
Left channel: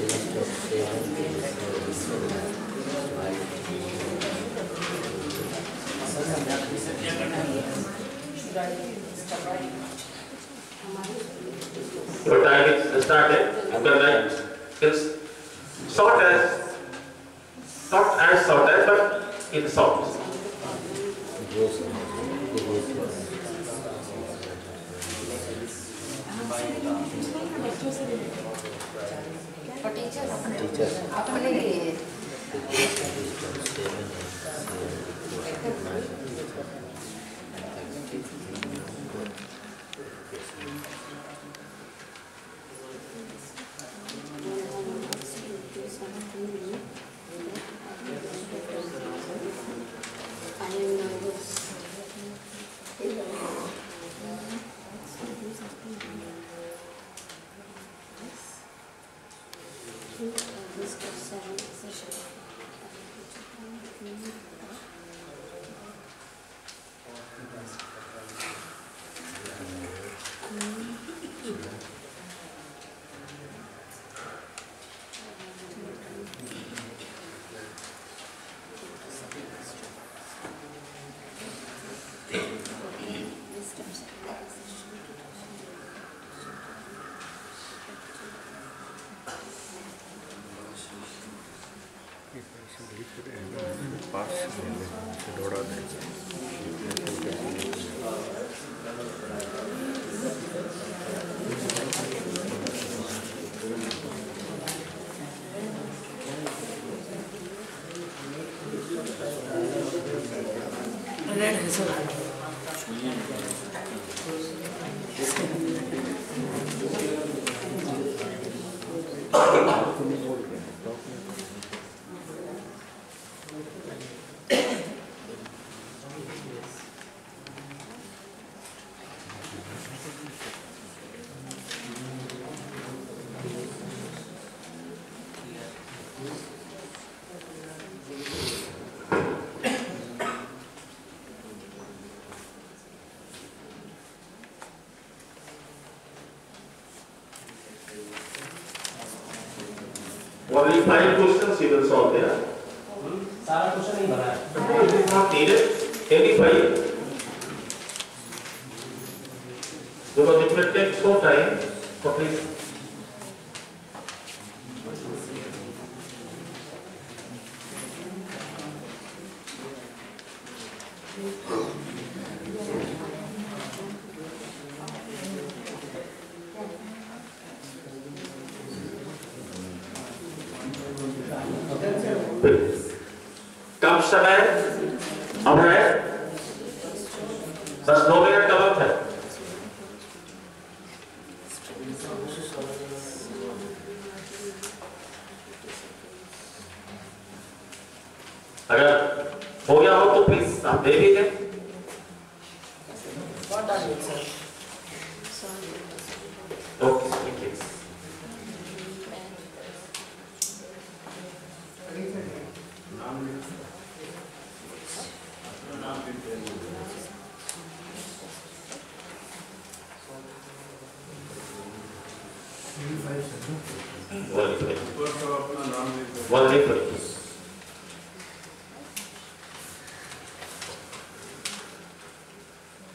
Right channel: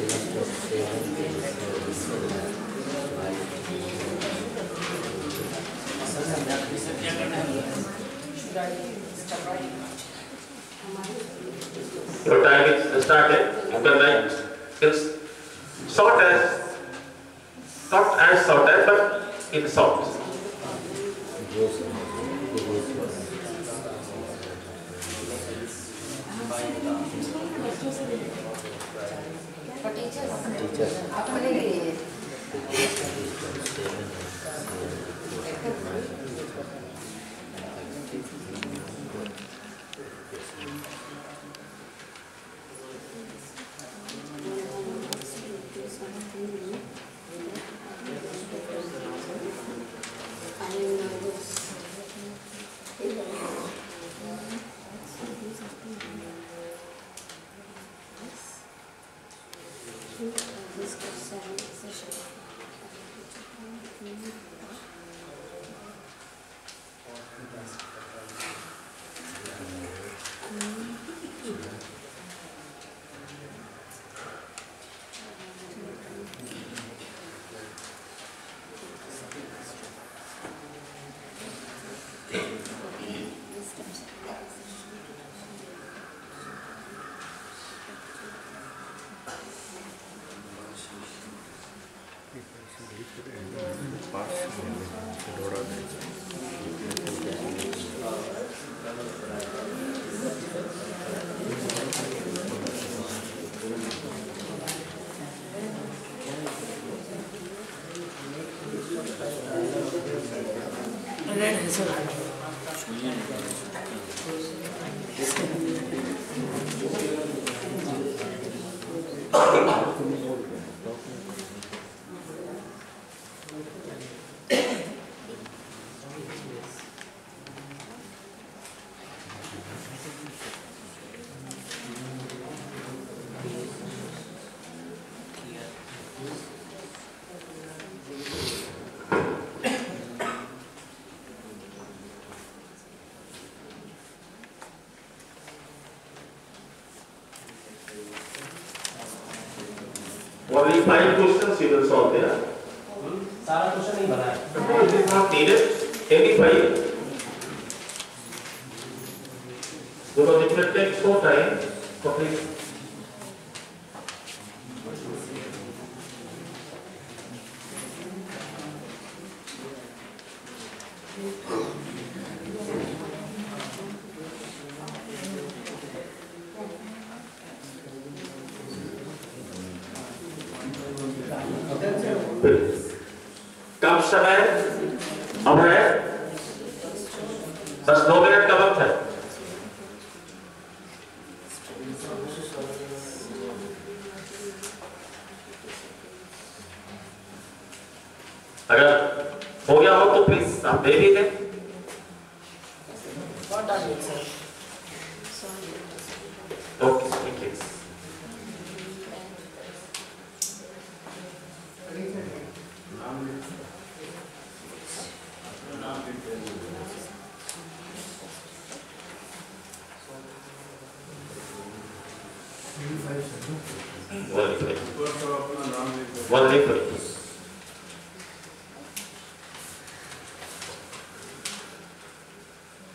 time is started. You can write. It's short as, not as short as, but in short. Only 5 questions you will solve there. सारा क्वेश्चन नहीं बना है. No, it is not needed. Any 5. Because it will take so time. So please. कम समय अब है 10-2 minute का वक्त है. अगर हो गया हो तो प्लीज आप दे दीजिए. ओके ठीक है.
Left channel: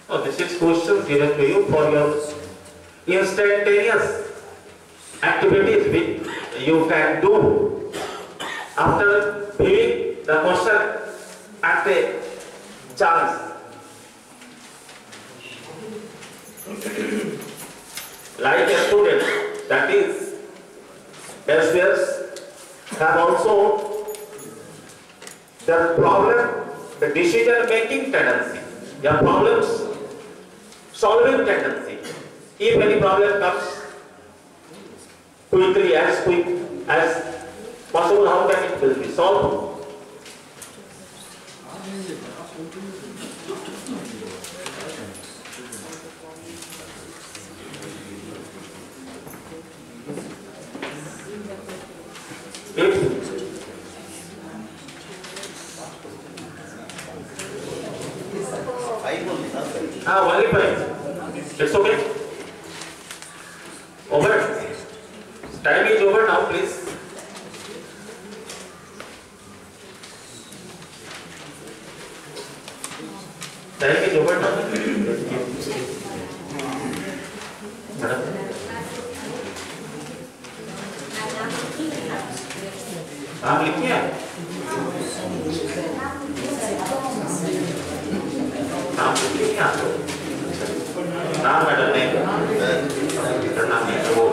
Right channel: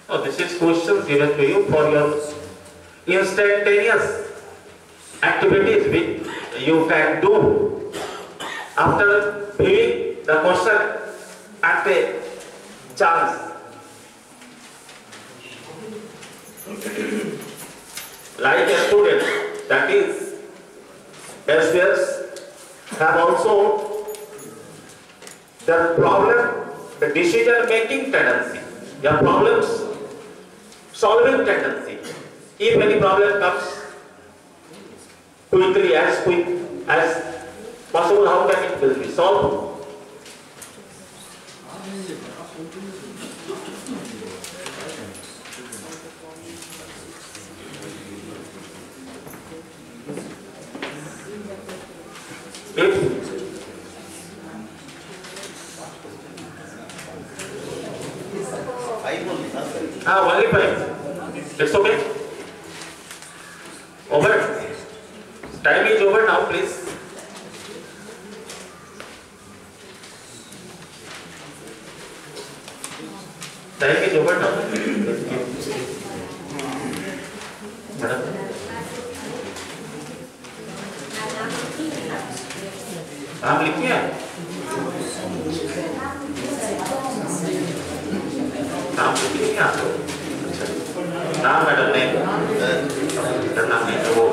Oh, this is questions given to you for your instantaneous activities which you can do after viewing the question at a chance. Like a student, that is, elsewhere have also the problem, the decision-making tendency, the problems solving tendency. If any problem comes quickly, as quick as possible, how can it will be solved? Only 5. It's okay. Over. Time is over now. please. Thank you, madam. नाम लिखिए। नाम लिखिए आप। नाम madam ने करना नहीं है वो।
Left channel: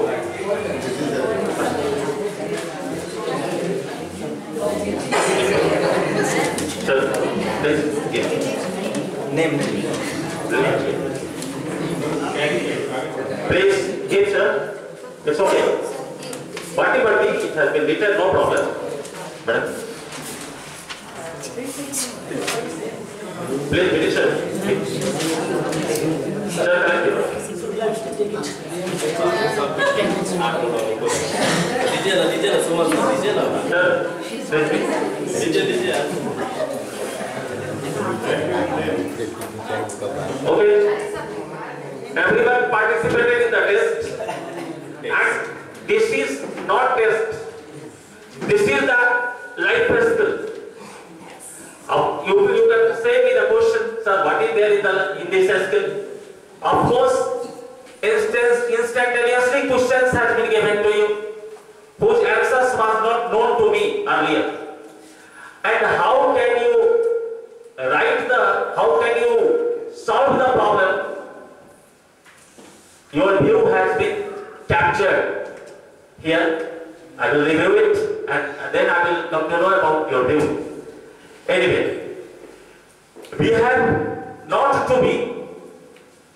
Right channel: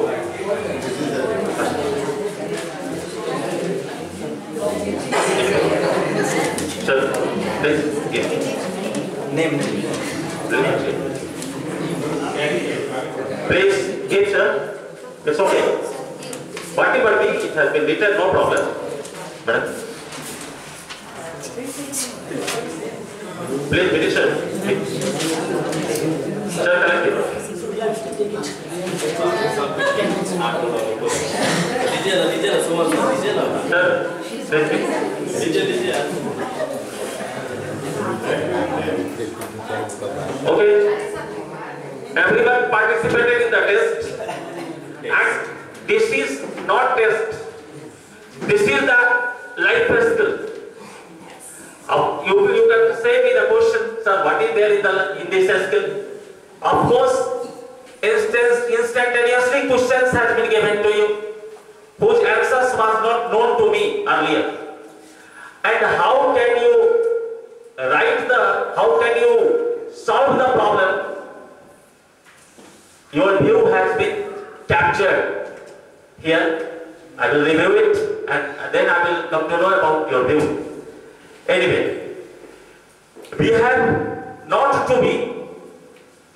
चल, Name. Please give, sir. It's okay. Whatever be, it has been written, no problem. Madam. Please, finish, sir. Sir, correct it. DJ, Sumar, DJ. Sir, DJ. Okay. Everyone participated in the test. And this is not test. This is the life skill. You can say me the question, sir, what is there in this skill? Of course, instantaneously questions has been given to you, whose answers was not known to me earlier. And how can you solve the problem? Your view has been captured here. I will review it and then I will come to know about your view. Anyway, we have not to be,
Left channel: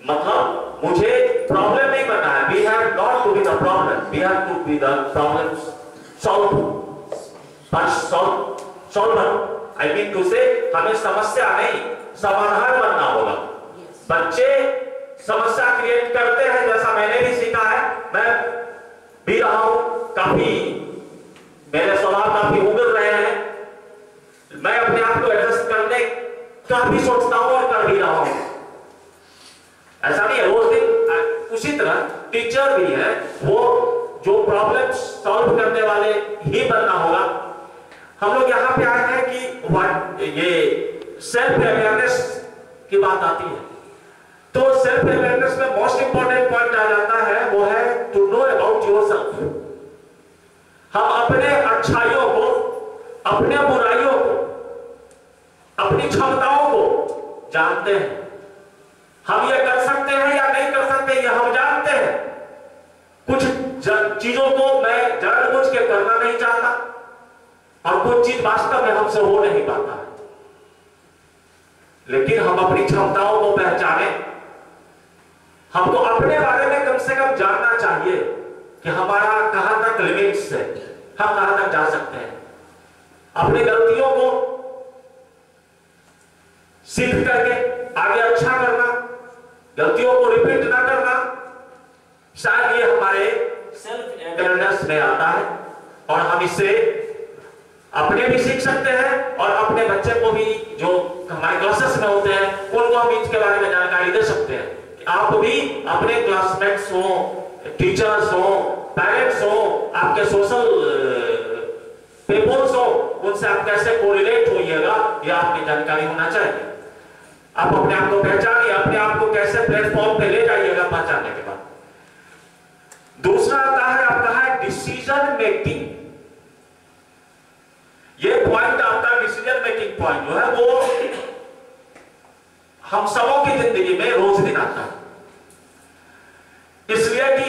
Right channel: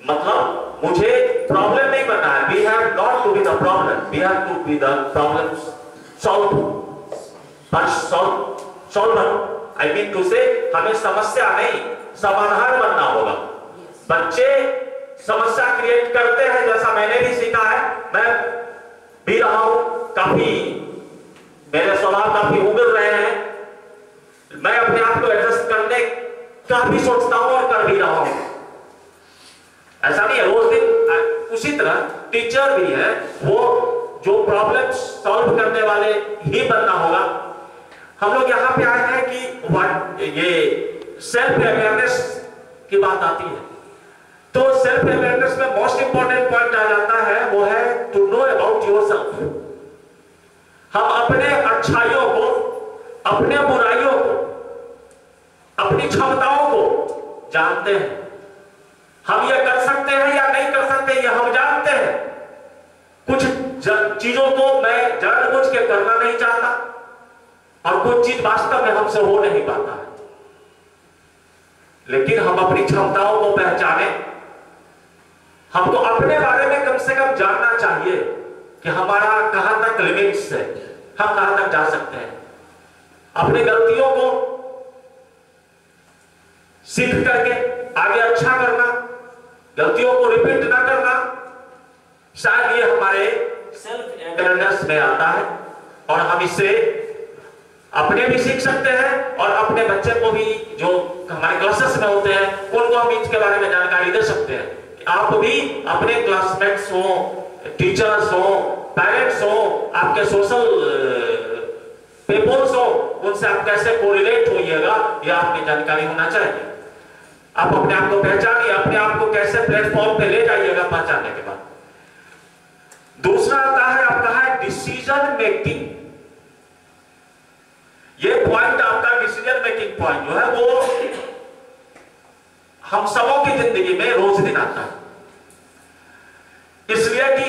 मतलब मुझे problem नहीं बनना है. We have not to be the problem. We have to be the problem solver. I mean to say, हमें समस्या नहीं, समाधान बनना होगा. बच्चे समस्या क्रिएट करते हैं, जैसा मैंने भी सीखा है. मैं भी रहा हूं, काफी मेरे स्वभाव काफी उगल रहे हैं. मैं अपने आप को एडजस्ट करने का भी सोचता हूं और कर भी रहा हूं. ऐसा नहीं है रोज दिन. उसी तरह टीचर भी है, वो जो प्रॉब्लम सॉल्व करने वाले ही बनना होगा. हम लोग यहाँ पे आए हैं कि ये सेल्फ अवेयरनेस की बात आती है. तो सेल्फ अवेयरनेस में मोस्ट इंपॉर्टेंट पॉइंट आ जाता है, वो है टू नो अबाउट योरसेल्फ. हम अपने अच्छाइयों को, अपने बुराइयों को, अपनी क्षमताओं को जानते हैं. हम ये कर सकते हैं या नहीं कर सकते, ये हम जानते हैं. कुछ चीजों को मैं जानबूझ के करना नहीं चाहता और कुछ चीज वास्तव में हमसे हो नहीं पाता है. लेकिन हम अपनी क्षमताओं को पहचाने. हमको अपने बारे में कम से कम जानना चाहिए कि हमारा कहां तक लिमिट्स है, हम कहां तक जा सकते हैं. अपनी गलतियों को सीख करके आगे अच्छा करना, गलतियों को रिपीट ना करना, शायद ये हमारे सेल्फ अवेयरनेस में आता है. और हम इससे अपने भी सीख सकते हैं और अपने बच्चे को भी, जो हमारे क्लासेस में होते हैं, उनको हम इसके बारे में जानकारी दे सकते हैं. आप भी अपने क्लासमेट्स हो, टीचर्स हो, पेरेंट्स हो, आपके सोशल पीपल्स हो, उनसे आप कैसे कोरिलेट होइएगा, ये आपकी जानकारी होना चाहिए. आप अपने आप को पहचानिए, अपने आप को कैसे प्लेटफॉर्म पे ले जाइएगा पहचानने के बाद. दूसरा आता है आपका है डिसीजन मेकिंग. ये पॉइंट आपका डिसीजन मेकिंग पॉइंट जो है वो हम सबों की जिंदगी में रोज दिन आता है. इसलिए कि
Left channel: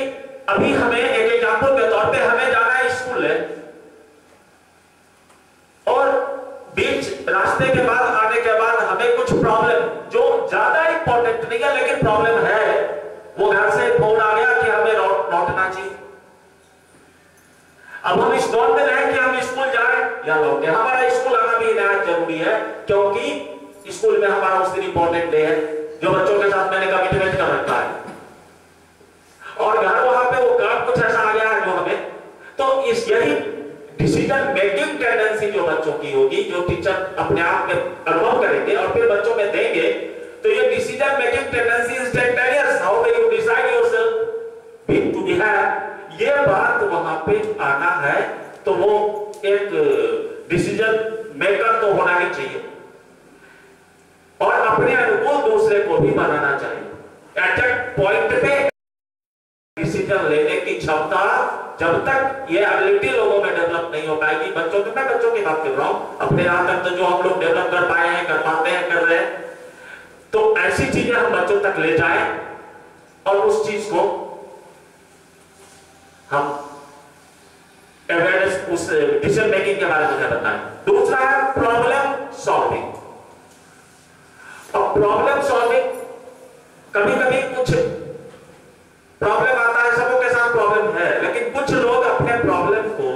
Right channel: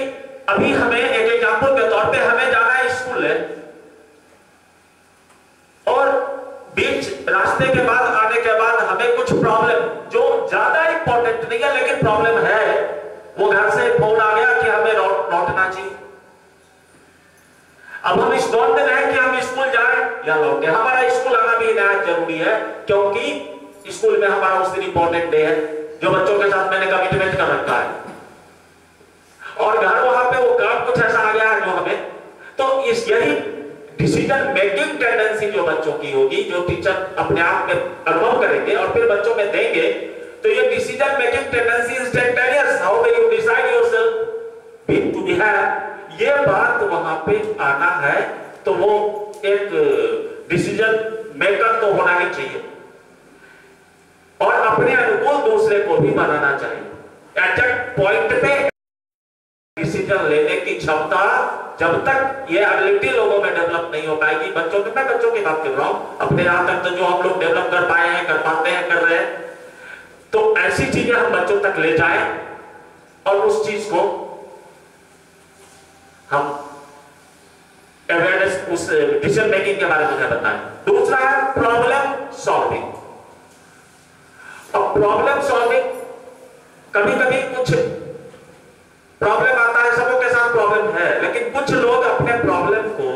अभी हमें एक एग्जांपल के तौर पे हमें जाना है स्कूल है, और बीच रास्ते के बाद आने के बाद हमें कुछ प्रॉब्लम जो ज्यादा इंपॉर्टेंट नहीं है लेकिन प्रॉब्लम है, वो घर से फोन आ गया कि हमें लौटना चाहिए. अब हम इस दौर में रहे कि हम स्कूल जाएं या लौटें. हमारा स्कूल आना भी नया जरूरी है, क्योंकि स्कूल में हमारा उस दिन इंपॉर्टेंट डे है जो बच्चों के साथ मैंने कमिटमेंट कर रखा है. और घर वहां पे वो काम कुछ ऐसा आ गया है जो हमें, तो इस यही डिसीजन मेकिंग टेंडेंसी जो बच्चों की होगी, जो टीचर अपने आप में अनुभव करेंगे और फिर बच्चों में देंगे, तो ये decision making tendency instantaneous, how will you decide yourself to behave, ये बात वहां पे आना है तो वो एक डिसीजन मेकर तो होना ही चाहिए और अपने अनुकूल दूसरे को भी बनाना चाहिए। एट दैट पॉइंट पे डिसीजन लेने की क्षमता जब तक ये एबिलिटी लोगों में डेवलप नहीं हो पाएगी, बच्चों के, मैं बच्चों की बात कर रहा हूं, अपने यहां तक तो जो हम लोग डेवलप कर पाए हैं, कर पाते हैं, कर रहे हैं, तो ऐसी चीजें हम बच्चों तक ले जाएं और उस चीज को हम अवेयरनेस, उस डिसीजन मेकिंग के बारे में बताएं। दूसरा है प्रॉब्लम सॉल्विंग। और प्रॉब्लम सॉल्विंग, कभी कभी कुछ प्रॉब्लम आता है, सबों के साथ प्रॉब्लम है, लेकिन कुछ लोग अपने प्रॉब्लम को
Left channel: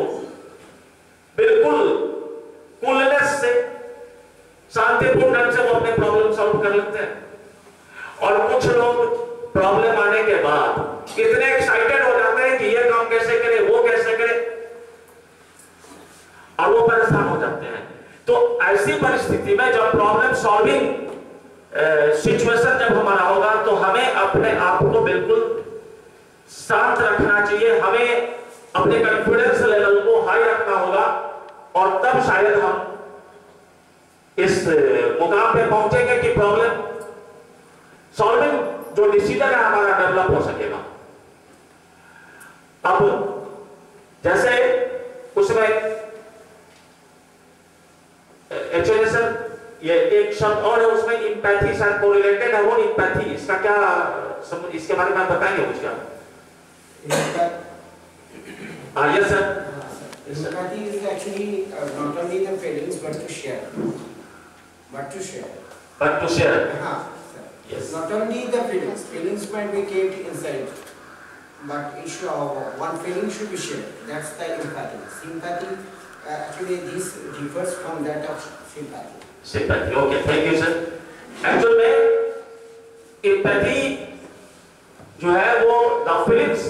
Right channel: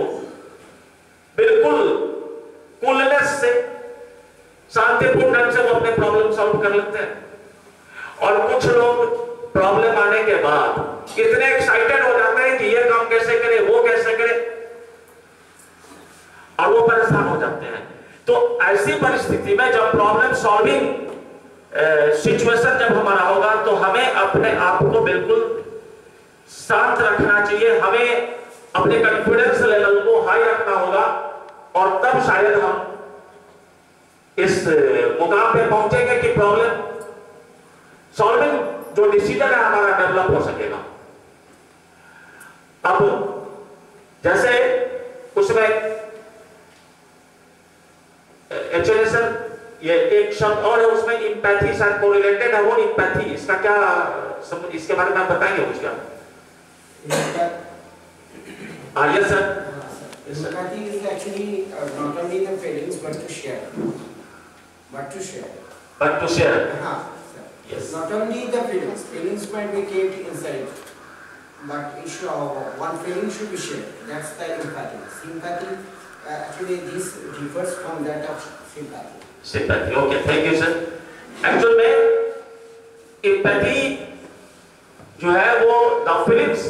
बिल्कुल कूलनेस से, शांतिपूर्ण ढंग से वो अपने प्रॉब्लम सॉल्व कर लेते हैं। और कुछ लोग प्रॉब्लम आने के बाद इतने एक्साइटेड हो जाते हैं कि ये काम कैसे करे, वो कैसे करे, और वो परेशान हो जाते हैं। तो ऐसी परिस्थिति में जब प्रॉब्लम सॉल्विंग सिचुएशन जब हमारा होगा तो हमें अपने आप को बिल्कुल शांत रखना चाहिए, हमें अपने कॉन्फिडेंस लेवल को हाई रखना होगा और तब शायद हम इस मुकाम पे पहुंचेंगे कि प्रॉब्लम सॉल्विंग जो डिसीजन है हमारा डेवलप हो सकेगा। अब जैसे उसमें एक्चुअली सर ये एक शब्द और है उसमें, इंपैथी शायद कोरिलेटेड है, वो इंपैथी, इसका क्या इसके बारे में आप बताएंगे कुछ क्या? Yes sir. Empathy is actually not only the feelings but to share. But to share. But to share. Yes. Not only the feelings. Feelings might be kept inside, but one feeling should be shared. That's the empathy. Sympathy actually this differs from that of sympathy. Sympathy. Okay. Thank you sir. Actually में empathy जो है वो the feelings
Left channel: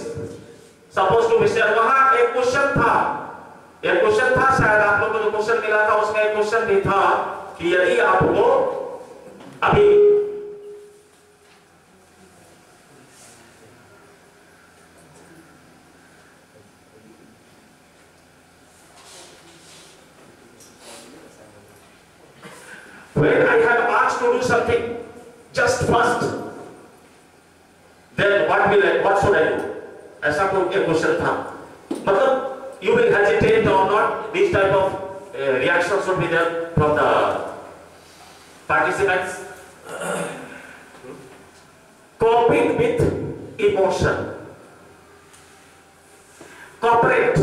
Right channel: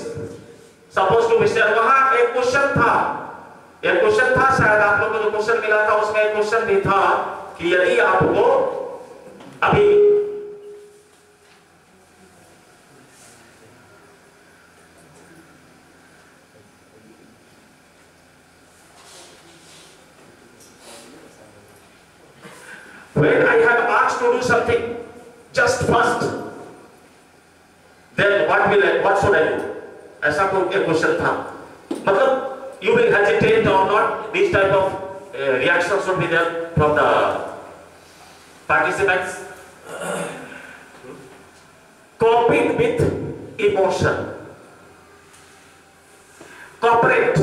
suppose to mister, वहां एक question था, शायद आप लोगों को जो क्वेश्चन मिला था उसमें एक क्वेश्चन भी था कि यदि आपको अभी when I have asked to do something just first, then what should I do? ऐसा कोई एक क्वेश्चन था, मतलब you will hesitate or not, these type of reactions should be there from the participants. Coping with emotion, cooperate,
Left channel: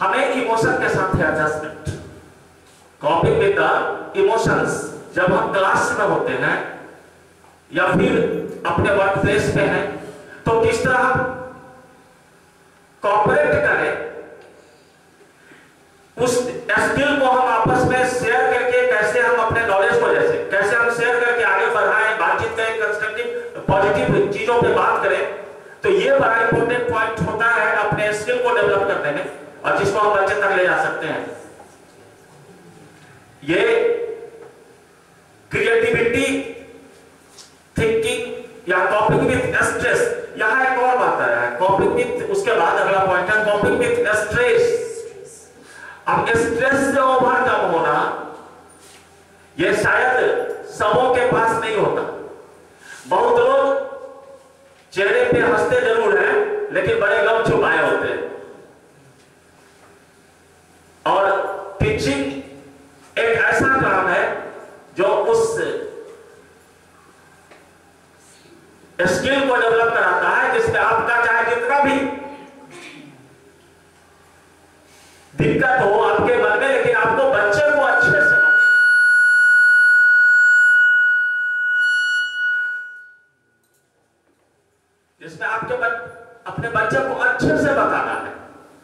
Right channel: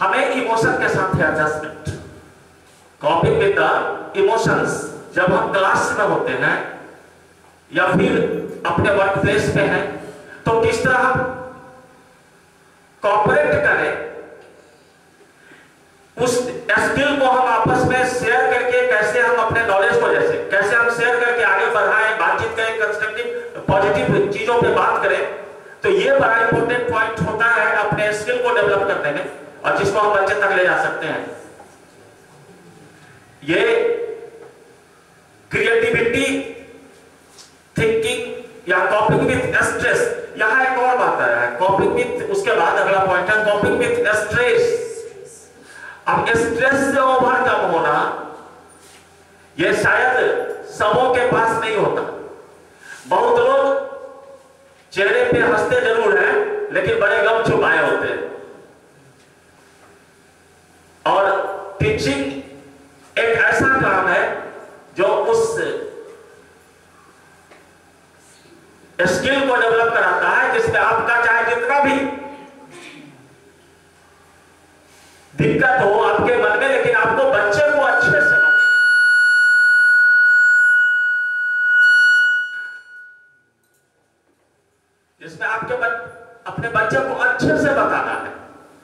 हमें emotion के साथ है adjustment, coping with the emotions, जब हम क्लास में होते हैं या फिर अपने वर्क प्लेस पे हैं तो किस तरह हम कॉपरेट करें, उस स्किल को हम आपस में शेयर करके कैसे हम अपने नॉलेज को कैसे हम शेयर करके आगे बढ़ाएं, बातचीत करें, कंस्ट्रक्टिव पॉजिटिव चीजों पे बात करें, तो ये बड़ा इंपॉर्टेंट पॉइंट होता है अपने स्किल को डेवलप करने में और जिसको हम बच्चे तक ले जा सकते हैं। ये क्रिएटिविटी, थिंकिंग या कॉपिंग विथ स्ट्रेस, यहां एक और बात है, कॉपिंग विथ, उसके बाद अगला पॉइंट है कॉपिंग विथ स्ट्रेस। अब स्ट्रेस से ओवरकम होना ये शायद सबों के पास नहीं होता। बहुत लोग चेहरे पे हंसते जरूर हैं लेकिन बड़े गम छुपाए होते हैं। और टीचिंग एक ऐसा काम है जो उस स्किल को डेवलप कराता है जिसमें आपका चाहे जितना भी दिक्कत हो आपके मन में, लेकिन आपको बच्चे को अच्छे से जिसमें आपके अपने बच्चे को अच्छे से बताना है,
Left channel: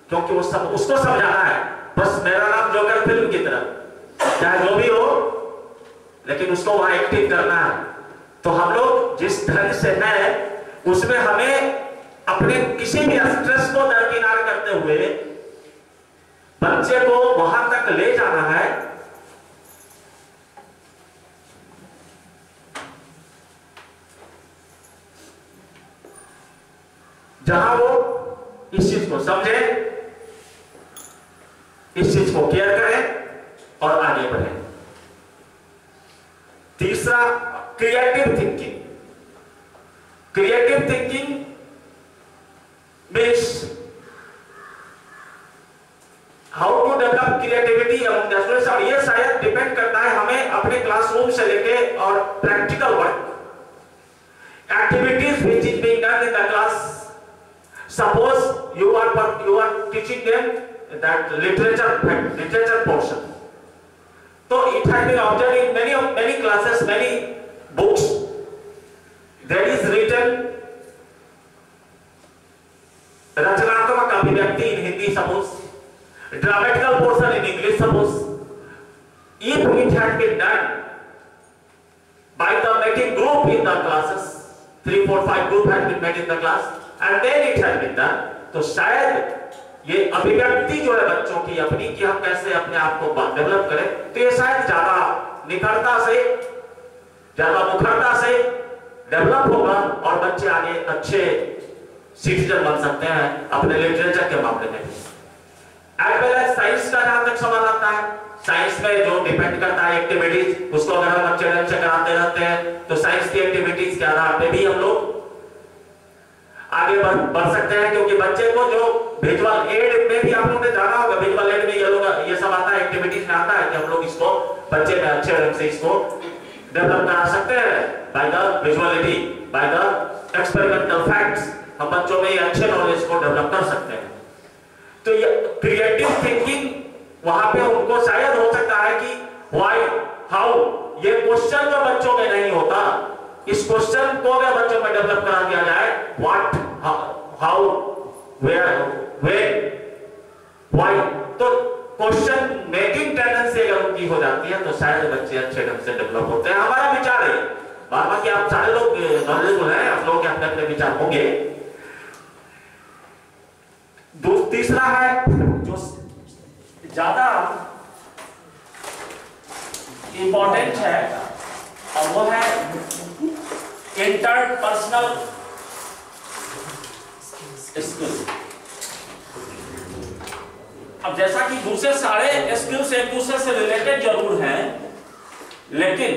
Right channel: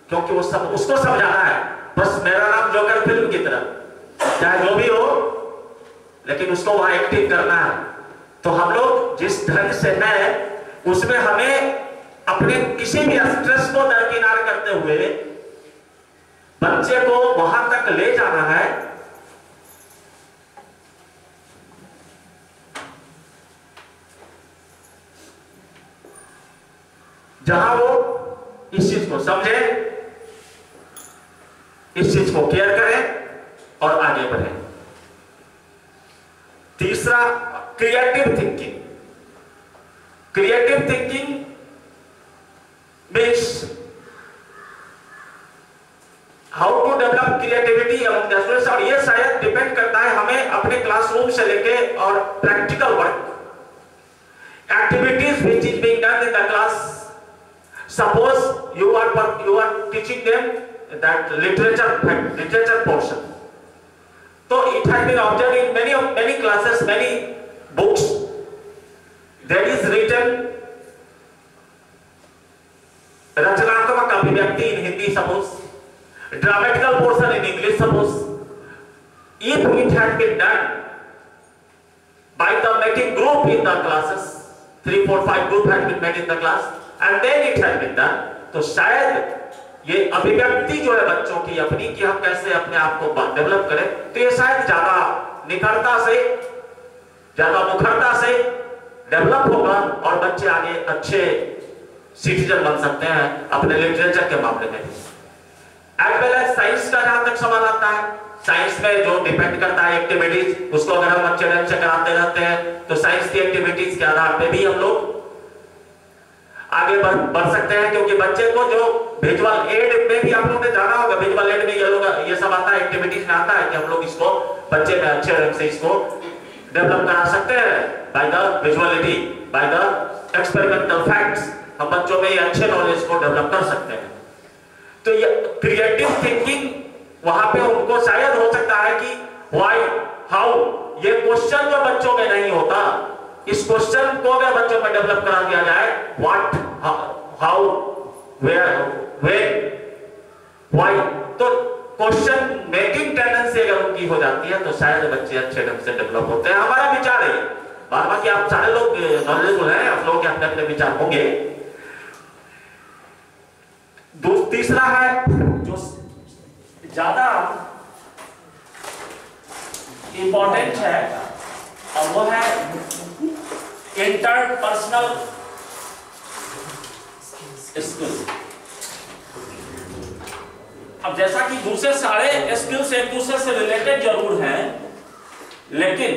क्योंकि उसको समझाना है बस मेरा नाम जोकर फिल्म की तरह चाहे जो भी हो, लेकिन उसको वहां एक्टिव करना है। तो हम लोग जिस ढंग से हैं उसमें हमें अपने किसी भी स्ट्रेस को दरकिनार करते हुए बच्चे को वहां तक ले जाना है जहां वो इस चीज को समझें, इस चीज को केयर करें और आगे बढ़ें। तीसरा, creative thinking. Creative thinking means how to develop creativity among the students, और ये शायद डिपेंड करता है हमें अपने क्लासरूम से लेके और practical work activities which is being done in the class. Suppose you are teaching them that literature portion, so it has been observed in many classes, many books there is written रचनात्मक अभिव्यक्ति in Hindi, suppose dramatical portion in English, suppose. If it had been done by the making group in the classes, 3, 4, 5 group had been made in the class, and then it had been done, तो शायद ये अभिव्यक्ति जो है बच्चों की अपनी, कि हम कैसे अपने आप को डेवलप करें, तो ये शायद ज्यादा निखरता से, ज्यादा मुखरता से डेवलप होगा और बच्चे आगे अच्छे सिटीजन बन सकते हैं अपने लिटरेचर के मामले में। एज वेल एज साइंस का जहां तक सवाल आता है, साइंस में जो डिपेंड करता है एक्टिविटीज, उसको अगर हम अच्छे ढंग से कराते रहते हैं तो साइंस की एक्टिविटीज के आधार पे भी हम लोग आगे बढ़ सकते हैं, क्योंकि बच्चे को जो विजुअल एड में भी आप लोगों ने जाना होगा, विजुअल एड में ये सब आता है, एक्टिविटीज में आता है कि हम लोग इसको बच्चे में अच्छे ढंग से इसको डेवलप करा सकते हैं by the visuality, by the experimental facts. हम बच्चों में ये अच्छे नॉलेज को डेवलप कर सकते हैं। तो ये क्रिएटिव थिंकिंग वहां पे उनको शायद हो सकता है कि व्हाई, हाउ, ये क्वेश्चन जो बच्चों में नहीं होता, इस क्वेश्चन को अगर बच्चों में डेवलप करा दिया जाए, what, how, where, when, why, तो क्वेश्चन मेकिंग टेंडेंसी अगर उनकी हो जाती है तो शायद बच्चे अच्छे ढंग से डेवलप होते हैं। हमारा विचार है, बाकी आप सारे लोग नॉलेजेबल हैं, आप लोगों के अपने अपने विचार होंगे। तीसरा है जो ज्यादा इंपॉर्टेंट है, और वो है इंटरपर्सनल स्किल। अब जैसा कि दूसरे सारे स्किल्स एक दूसरे से रिलेटेड जरूर हैं, लेकिन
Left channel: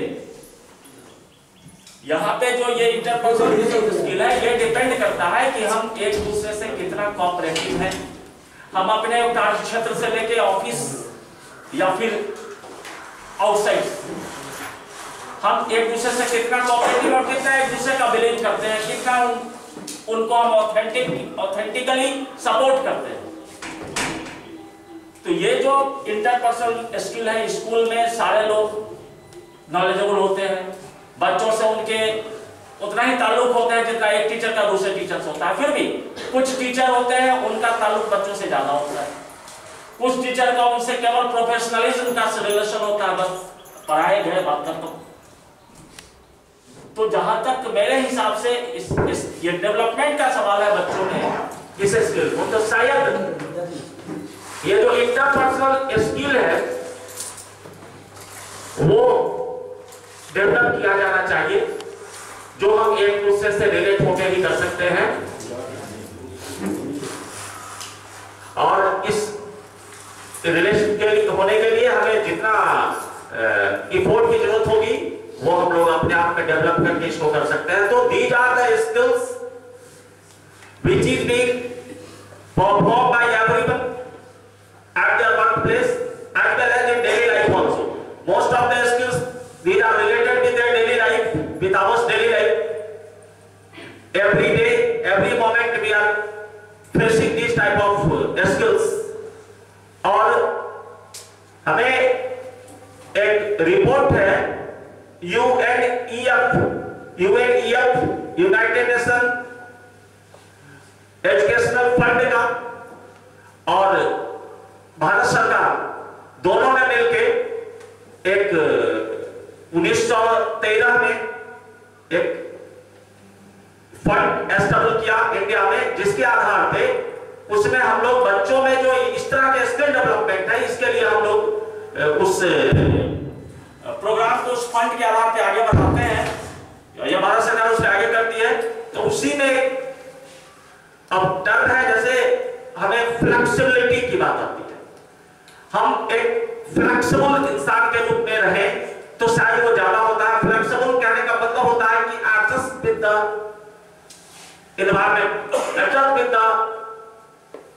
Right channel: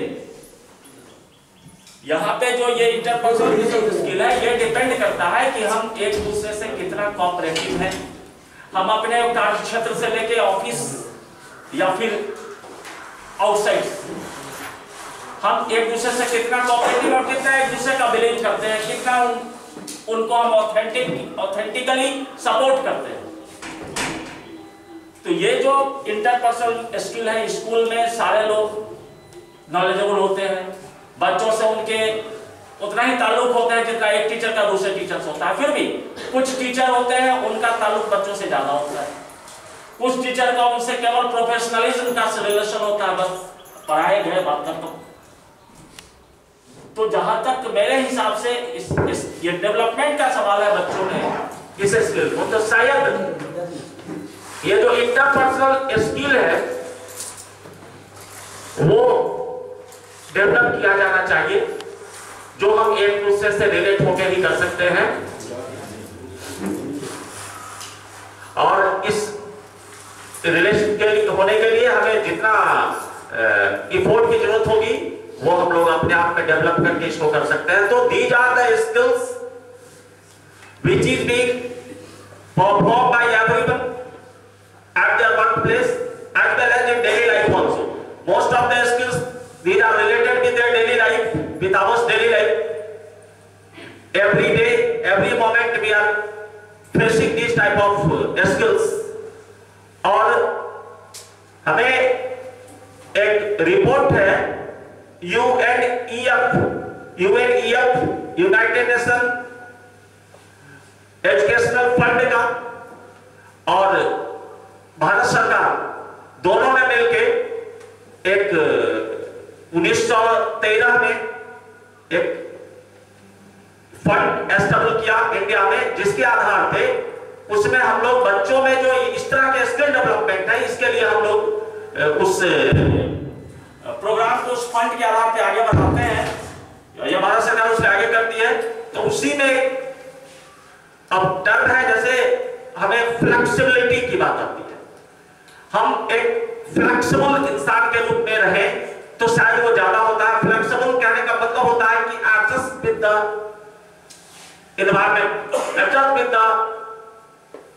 यहां पे जो ये इंटरपर्सनल स्किल है, ये डिपेंड करता है कि हम एक दूसरे से कितना कोऑपरेटिव हैं। हम अपने कार्य क्षेत्र से लेके ऑफिस या फिर आउटसाइड, हम एक दूसरे से कितना कोऑपरेटिव और कितना एक दूसरे का बिलीव करते हैं, कितना उनको हम ऑथेंटिकली सपोर्ट करते हैं। तो ये जो इंटरपर्सनल स्किल है, स्कूल में सारे लोग नॉलेजेबल होते हैं, बच्चों से उनके उतना ही ताल्लुक होता है जितना एक टीचर का दूसरे टीचर से होता है। फिर भी कुछ टीचर होते हैं उनका ताल्लुक बच्चों से ज्यादा होता है, कुछ टीचर का उनसे केवल प्रोफेशनलिज्म का रिलेशन होता है, बस पढ़ाए गए बात करते। तो जहां तक मेरे हिसाब से ये डेवलपमेंट का सवाल है बच्चों में इस स्किल को, तो शायद ये जो इंटरपर्सनल स्किल है वो डेवलप किया जाना चाहिए, जो हम एक दूसरे से रिलेट होकर ही कर सकते हैं। और इस रिलेशन के होने के लिए हमें जितना इफोर्ट की जरूरत होगी वो हम लोग अपने आप में डेवलप करके इसको कर सकते हैं। तो these are the skills which is being performed by everyone at their workplace as well as in daily life also. Most of the skills these are related with their daily life, with our daily life. Every day, every moment we are facing these type of skills. और हमें एक report है UNEF United nation educational fund का और भारत सरकार दोनों ने मिलकर एक 1913 में एक फंड एस्टेब्लिश किया इंडिया में, जिसके आधार पे उसमें हम लोग बच्चों में जो इस तरह के स्किल डेवलपमेंट है, इसके लिए हम लोग उस प्रोग्राम को उस फंड के आधार पे आगे बढ़ाते हैं, या भारत सरकार उससे आगे करती है। तो उसी में अब टर्म है जैसे हमें फ्लेक्सिबिलिटी की बात आती है, हम एक फ्लेक्सिबल इंसान के रूप में रहें तो शायद वो ज्यादा होता है। फ्लेक्सिबल कहने का मतलब होता है कि adjust with the environment, adjust with the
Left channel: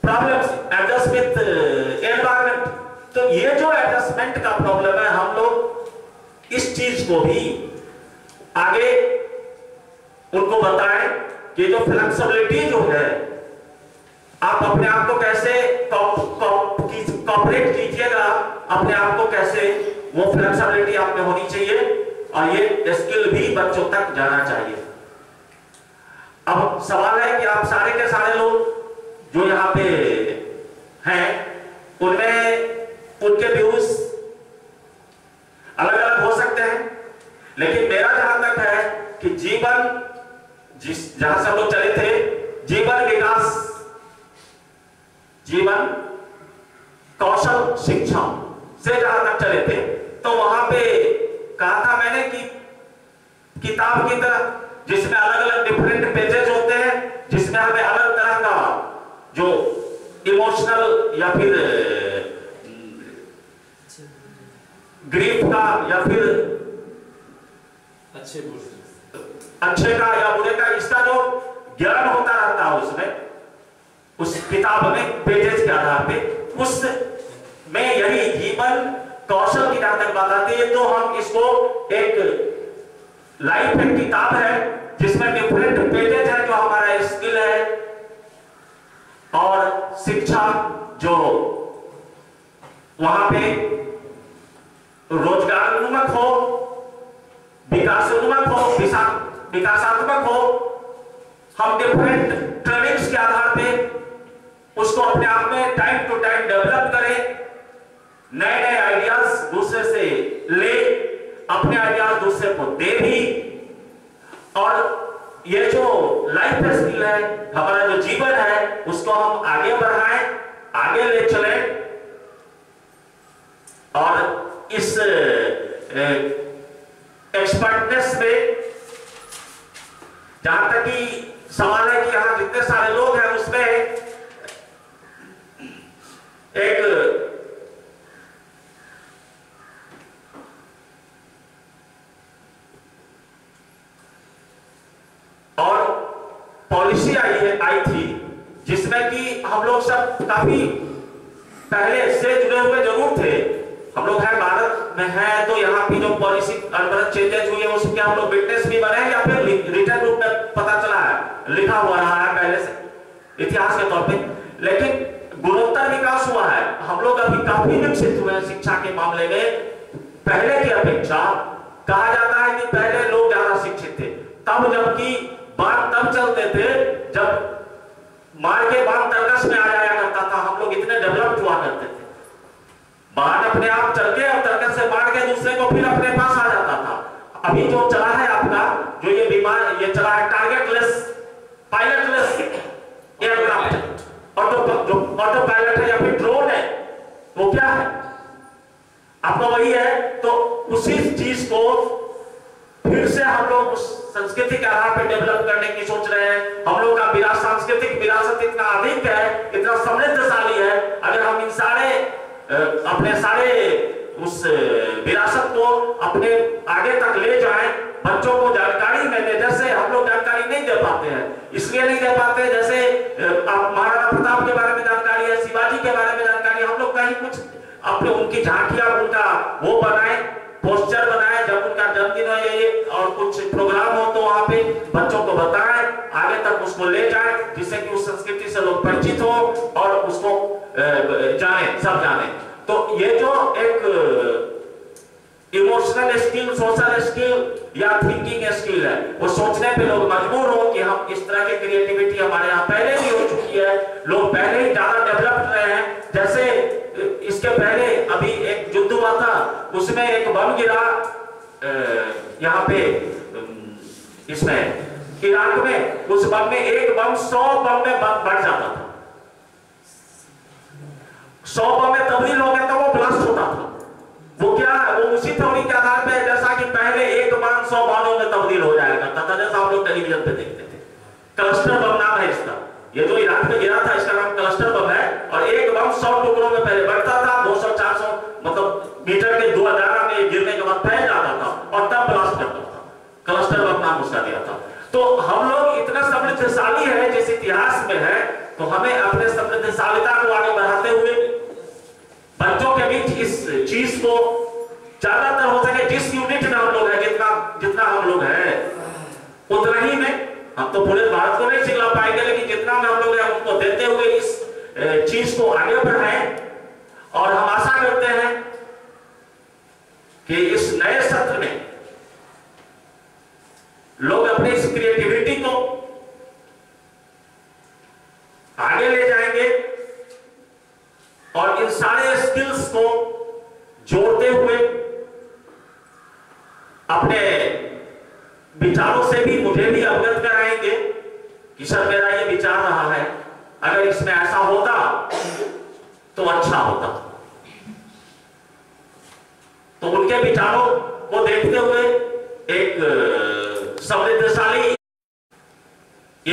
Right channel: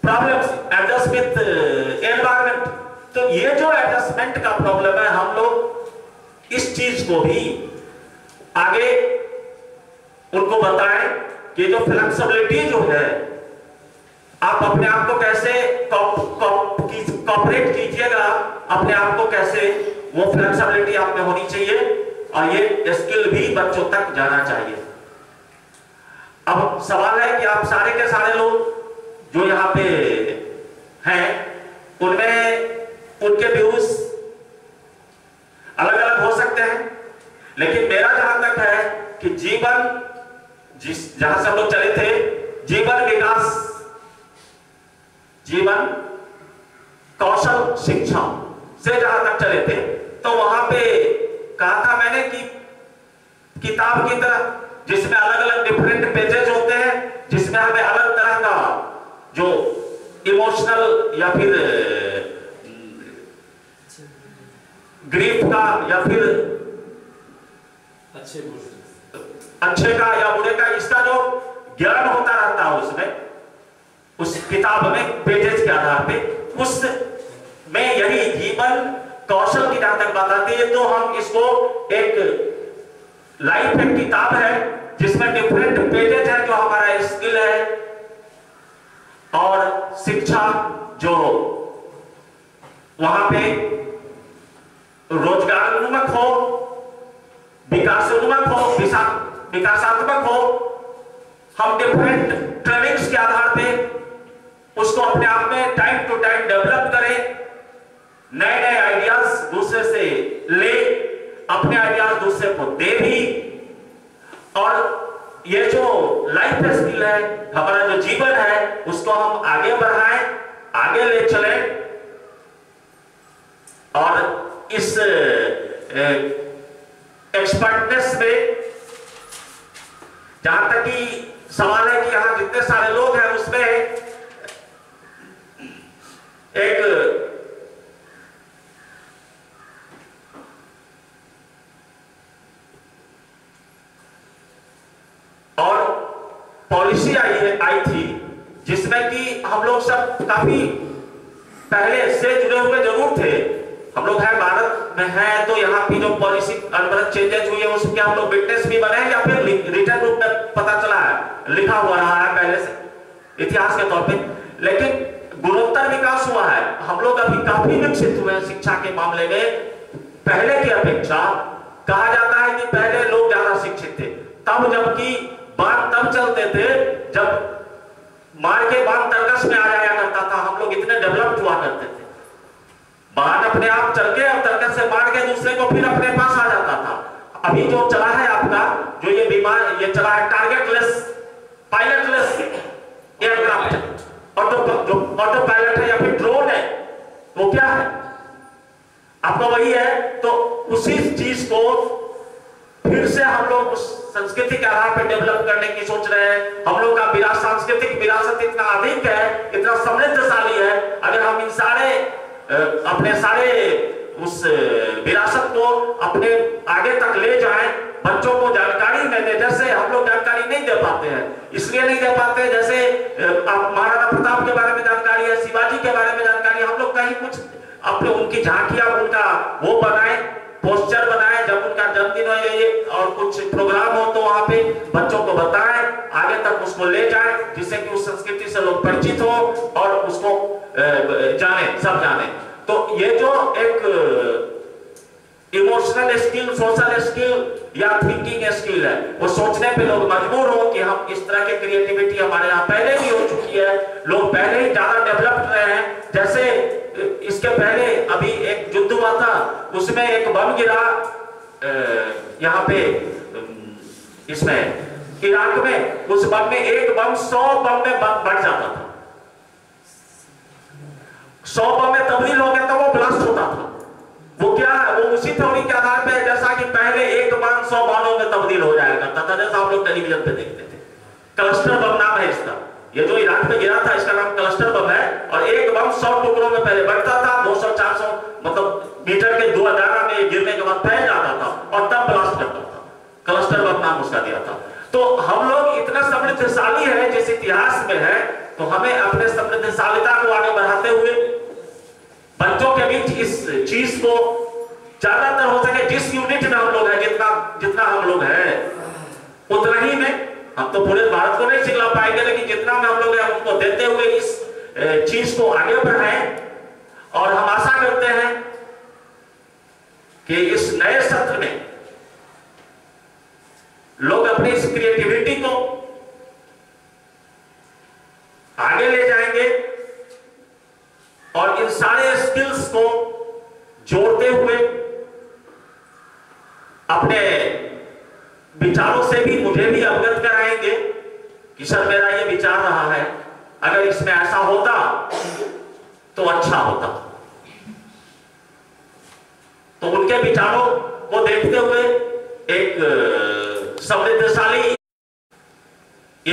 problems, adjust with environment. तो ये जो एडजस्टमेंट का प्रॉब्लम है, हम लोग इस चीज को भी आगे उनको बताएं कि जो फ्लेक्सिबिलिटी जो है, आप अपने आप को कैसे कॉपरेट कीजिएगा, अपने आप को कैसे, वो फ्लेक्सिबिलिटी आप में होनी चाहिए और ये स्किल भी बच्चों तक जाना चाहिए। अब सवाल है कि आप सारे के सारे लोग जो यहाँ पे हैं, उनमें उनके व्यूज अलग अलग हो सकते हैं, लेकिन मेरा जहां तक है कि जीवन जहां से हम लोग चले थे, जीवन विकास, जीवन कौशल शिक्षा से जहां तक चले थे, तो वहां पे कहा था मैंने कि किताब की तरह जिसमें अलग अलग डिफरेंट पेजेस होते हैं, जिसमें हमें अलग तरह का जो इमोशनल या फिर ग्रीफ का या फिर अच्छे का या बुरे का, इसका जो ज्ञान होता रहता है उसमें, उस किताब में पेजेस के आधार पे, उस में यही जीवन कौशल की जहां तक बात आती है, तो हम इसको एक लाइफ एक किताब है जिसमें डिफरेंट पेजेस है, जो हमारा स्किल है और शिक्षा जो वहां पे रोजगारोन्मुख हो, विकासोन्मुख हो, विकासात्मक हो, हम डिफरेंट ट्रेनिंग्स के आधार पे उसको अपने आप में टाइम टू टाइम डेवलप करें, नए नए आइडियाज दूसरे से ले, अपने आइडियाज दूसरे को दे भी, और ये जो लाइफ स्किल है, हमारा जो जीवन है, उसको हम आगे बढ़ाएं, आगे ले चलें। और इस एक्सपर्टनेस में जहां तक कि सवाल है कि यहां जितने सारे लोग हैं उसमें एक और पॉलिसी आई थी जिसमें कि हम लोग सब काफी पहले से जुड़े हुए जरूर थे, हम लोग हैं भारत में हैं, तो यहाँ की जो पॉलिसी अनवरत चेंजेस हुई है उसके हम लोग विटनेस भी बने हैं या फिर रिटर्न रूप में पता चला है, लिखा हुआ रहा है पहले से इतिहास के तौर पे, लेकिन गुणोत्तर विकास हुआ है। हम लोग अभी काफी विकसित हुए हैं शिक्षा के मामले में, पहले की अपेक्षा। कहा जाता है कि पहले लोग ज्यादा शिक्षित थे, तब जबकि बात तब चलते थे जब मार के बांध तर्कस में आ जाया करता था, हम लोग इतने डेवलप्ड हुआ करते थे, बाण अपने आप चल के और तर्कस से मार के दूसरे को फिर अपने पास आ जाता था। अभी जो चला है आपका, जो ये विमान ये चला है टारगेटलेस पायलटलेस एयरक्राफ्ट, और जो ऑटो पायलट है या फिर ड्रोन है, वो क्या है आपका वही है। तो उसी चीज को फिर से हम लोग उस संस्कृति के आधार पर डेवलप करने की सोच रहे हैं। हम लोग का सांस्कृतिक विरासत इतना अधिक है, इतना समृद्धशाली है, अगर हम इन सारे अपने सारे उस विरासत को अपने आगे तक ले जाएं, बच्चों को जानकारी न दे, जैसे हम लोग जानकारी नहीं दे पाते हैं, इसलिए नहीं दे पाते जैसे महाराणा प्रताप के बारे में जानकारी है, शिवाजी के बारे में जानकारी, हम लोग कहीं कुछ अपने उनकी झांकियां, उनका वो बनाए, पोस्टर बनाए, जब उनका जन्मदिन हो ये और कुछ प्रोग्राम हो तो वहां पे बच्चों को बताएं, आगे तक उसको ले जाएं, जिससे कि उस संस्कृति से लोग परिचित हो और उसको जाने, सब जाने। तो ये जो एक इमोशनल स्किल, सोशल स्किल या थिंकिंग स्किल है, वो सोचने पे लोग मजबूर हो कि हम इस तरह की क्रिएटिविटी हमारे यहाँ पहले भी हो चुकी है, लोग पहले ही ज्यादा डेवलप्ड रहे हैं। जैसे इसके पहले अभी एक युद्ध हुआ था, उसमें एक बम गिरा यहाँ पे इसमें इराक में, उस बम में एक बम 100 बम में बढ़ जाता था, 100 बम में तब्दील हो गया तो वो ब्लास्ट होता था। वो क्या है, वो उसी थ्योरी के आधार पे, जैसा कि पहले एक बाण 100 बाणों में तब्दील हो जाया करता था, जैसा हम लोग टेलीविजन पे देखते थे। क्लस्टर बम नाम है इसका, ये जो इराक में गिरा था इसका नाम क्लस्टर बम है, और एक बम 100 टुकड़ों में पहले बढ़ता था, 200-400 मतलब मीटर के 2000 में गिरने के बाद फैल जाता था और तब ब्लास्ट करता था। क्लस्टर बम नाम उसका दिया था। तो हम लोग इतना समृद्धशाली है जिस इतिहास में है, तो हमें अपने समृद्धशालिता को आगे बढ़ाते हुए बच्चों के बीच इस चीज को ज्यादातर हो सके, जिस यूनिट में हम लोग हैं, जितना हम लोग हैं उतना ही में, हम तो पूरे भारत को नहीं सिखला पाएंगे, लेकिन जितना में हम लोग हैं उनको देते हुए इस चीज को आगे बढ़ाएं। और हम आशा करते हैं कि इस नए सत्र में लोग अपनी इस क्रिएटिविटी को आगे ले जाएंगे और इन सारे स्किल्स को जोड़ते हुए अपने विचारों से भी मुझे भी अवगत कराएंगे कि सर मेरा ये विचार रहा है, अगर इसमें ऐसा होता तो अच्छा होता। तो उनके विचारों को देखते हुए एक समृद्धशाली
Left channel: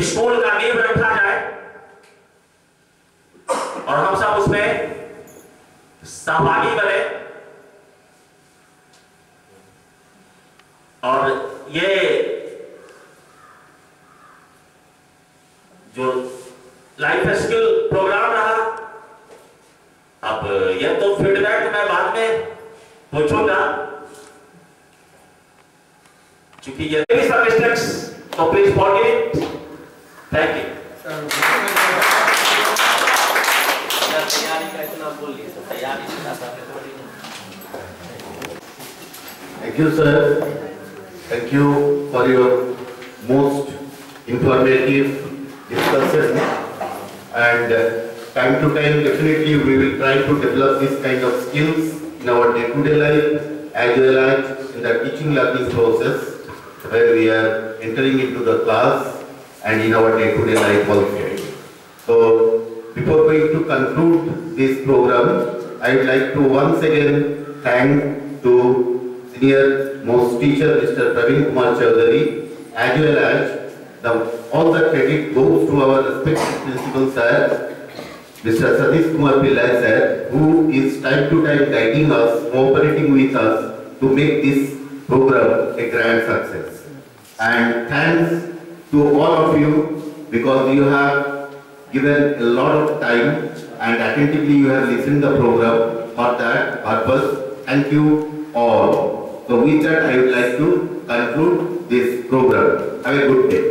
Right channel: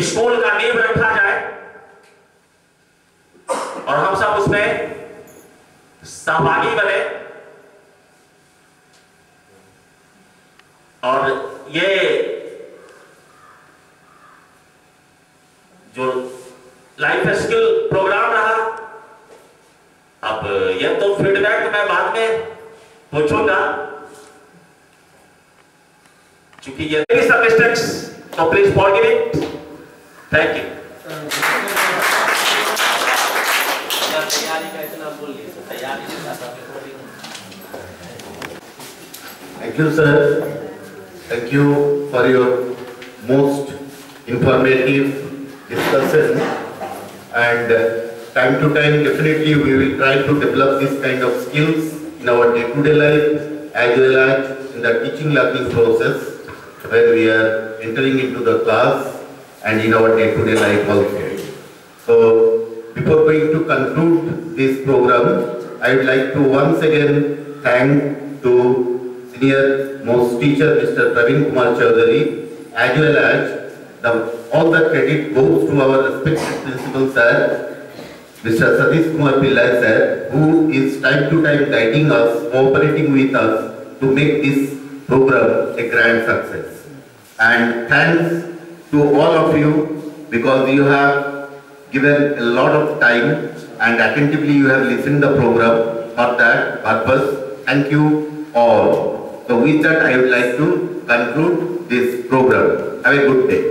स्कूल का नींव रखा जाए और हम सब उसमें सहभागी बने। और ये जो लाइफ स्किल प्रोग्राम रहा, अब ये तो फीडबैक मैं बाद में पूछूंगा, क्योंकि ये सब मिस्टेक्स, तो please forgive it. Thank you. तैयारी का इतना बोल लिए तो तैयारी नहीं कर पाते। Thank you, sir. Thank you for your most informative discussion. And time to time, definitely we will try to develop this kind of skills in our day-to-day life, as well as in the teaching learning process, where we are entering into the class and in our day-to-day life also. So, before going to conclude this program, I would like to once again thank to senior most teacher Mr. Praveen Kumar Chaudhary, as well as all the credit goes to our respected principal sir, Mr. Satish Kumar Pillai sir, who is time to time guiding us, cooperating with us to make this program a grand success. And thanks to all of you, because you have given a lot of time and attentively you have listened the program for that purpose. Thank you all. So with that I would like to conclude this program. Have a good day.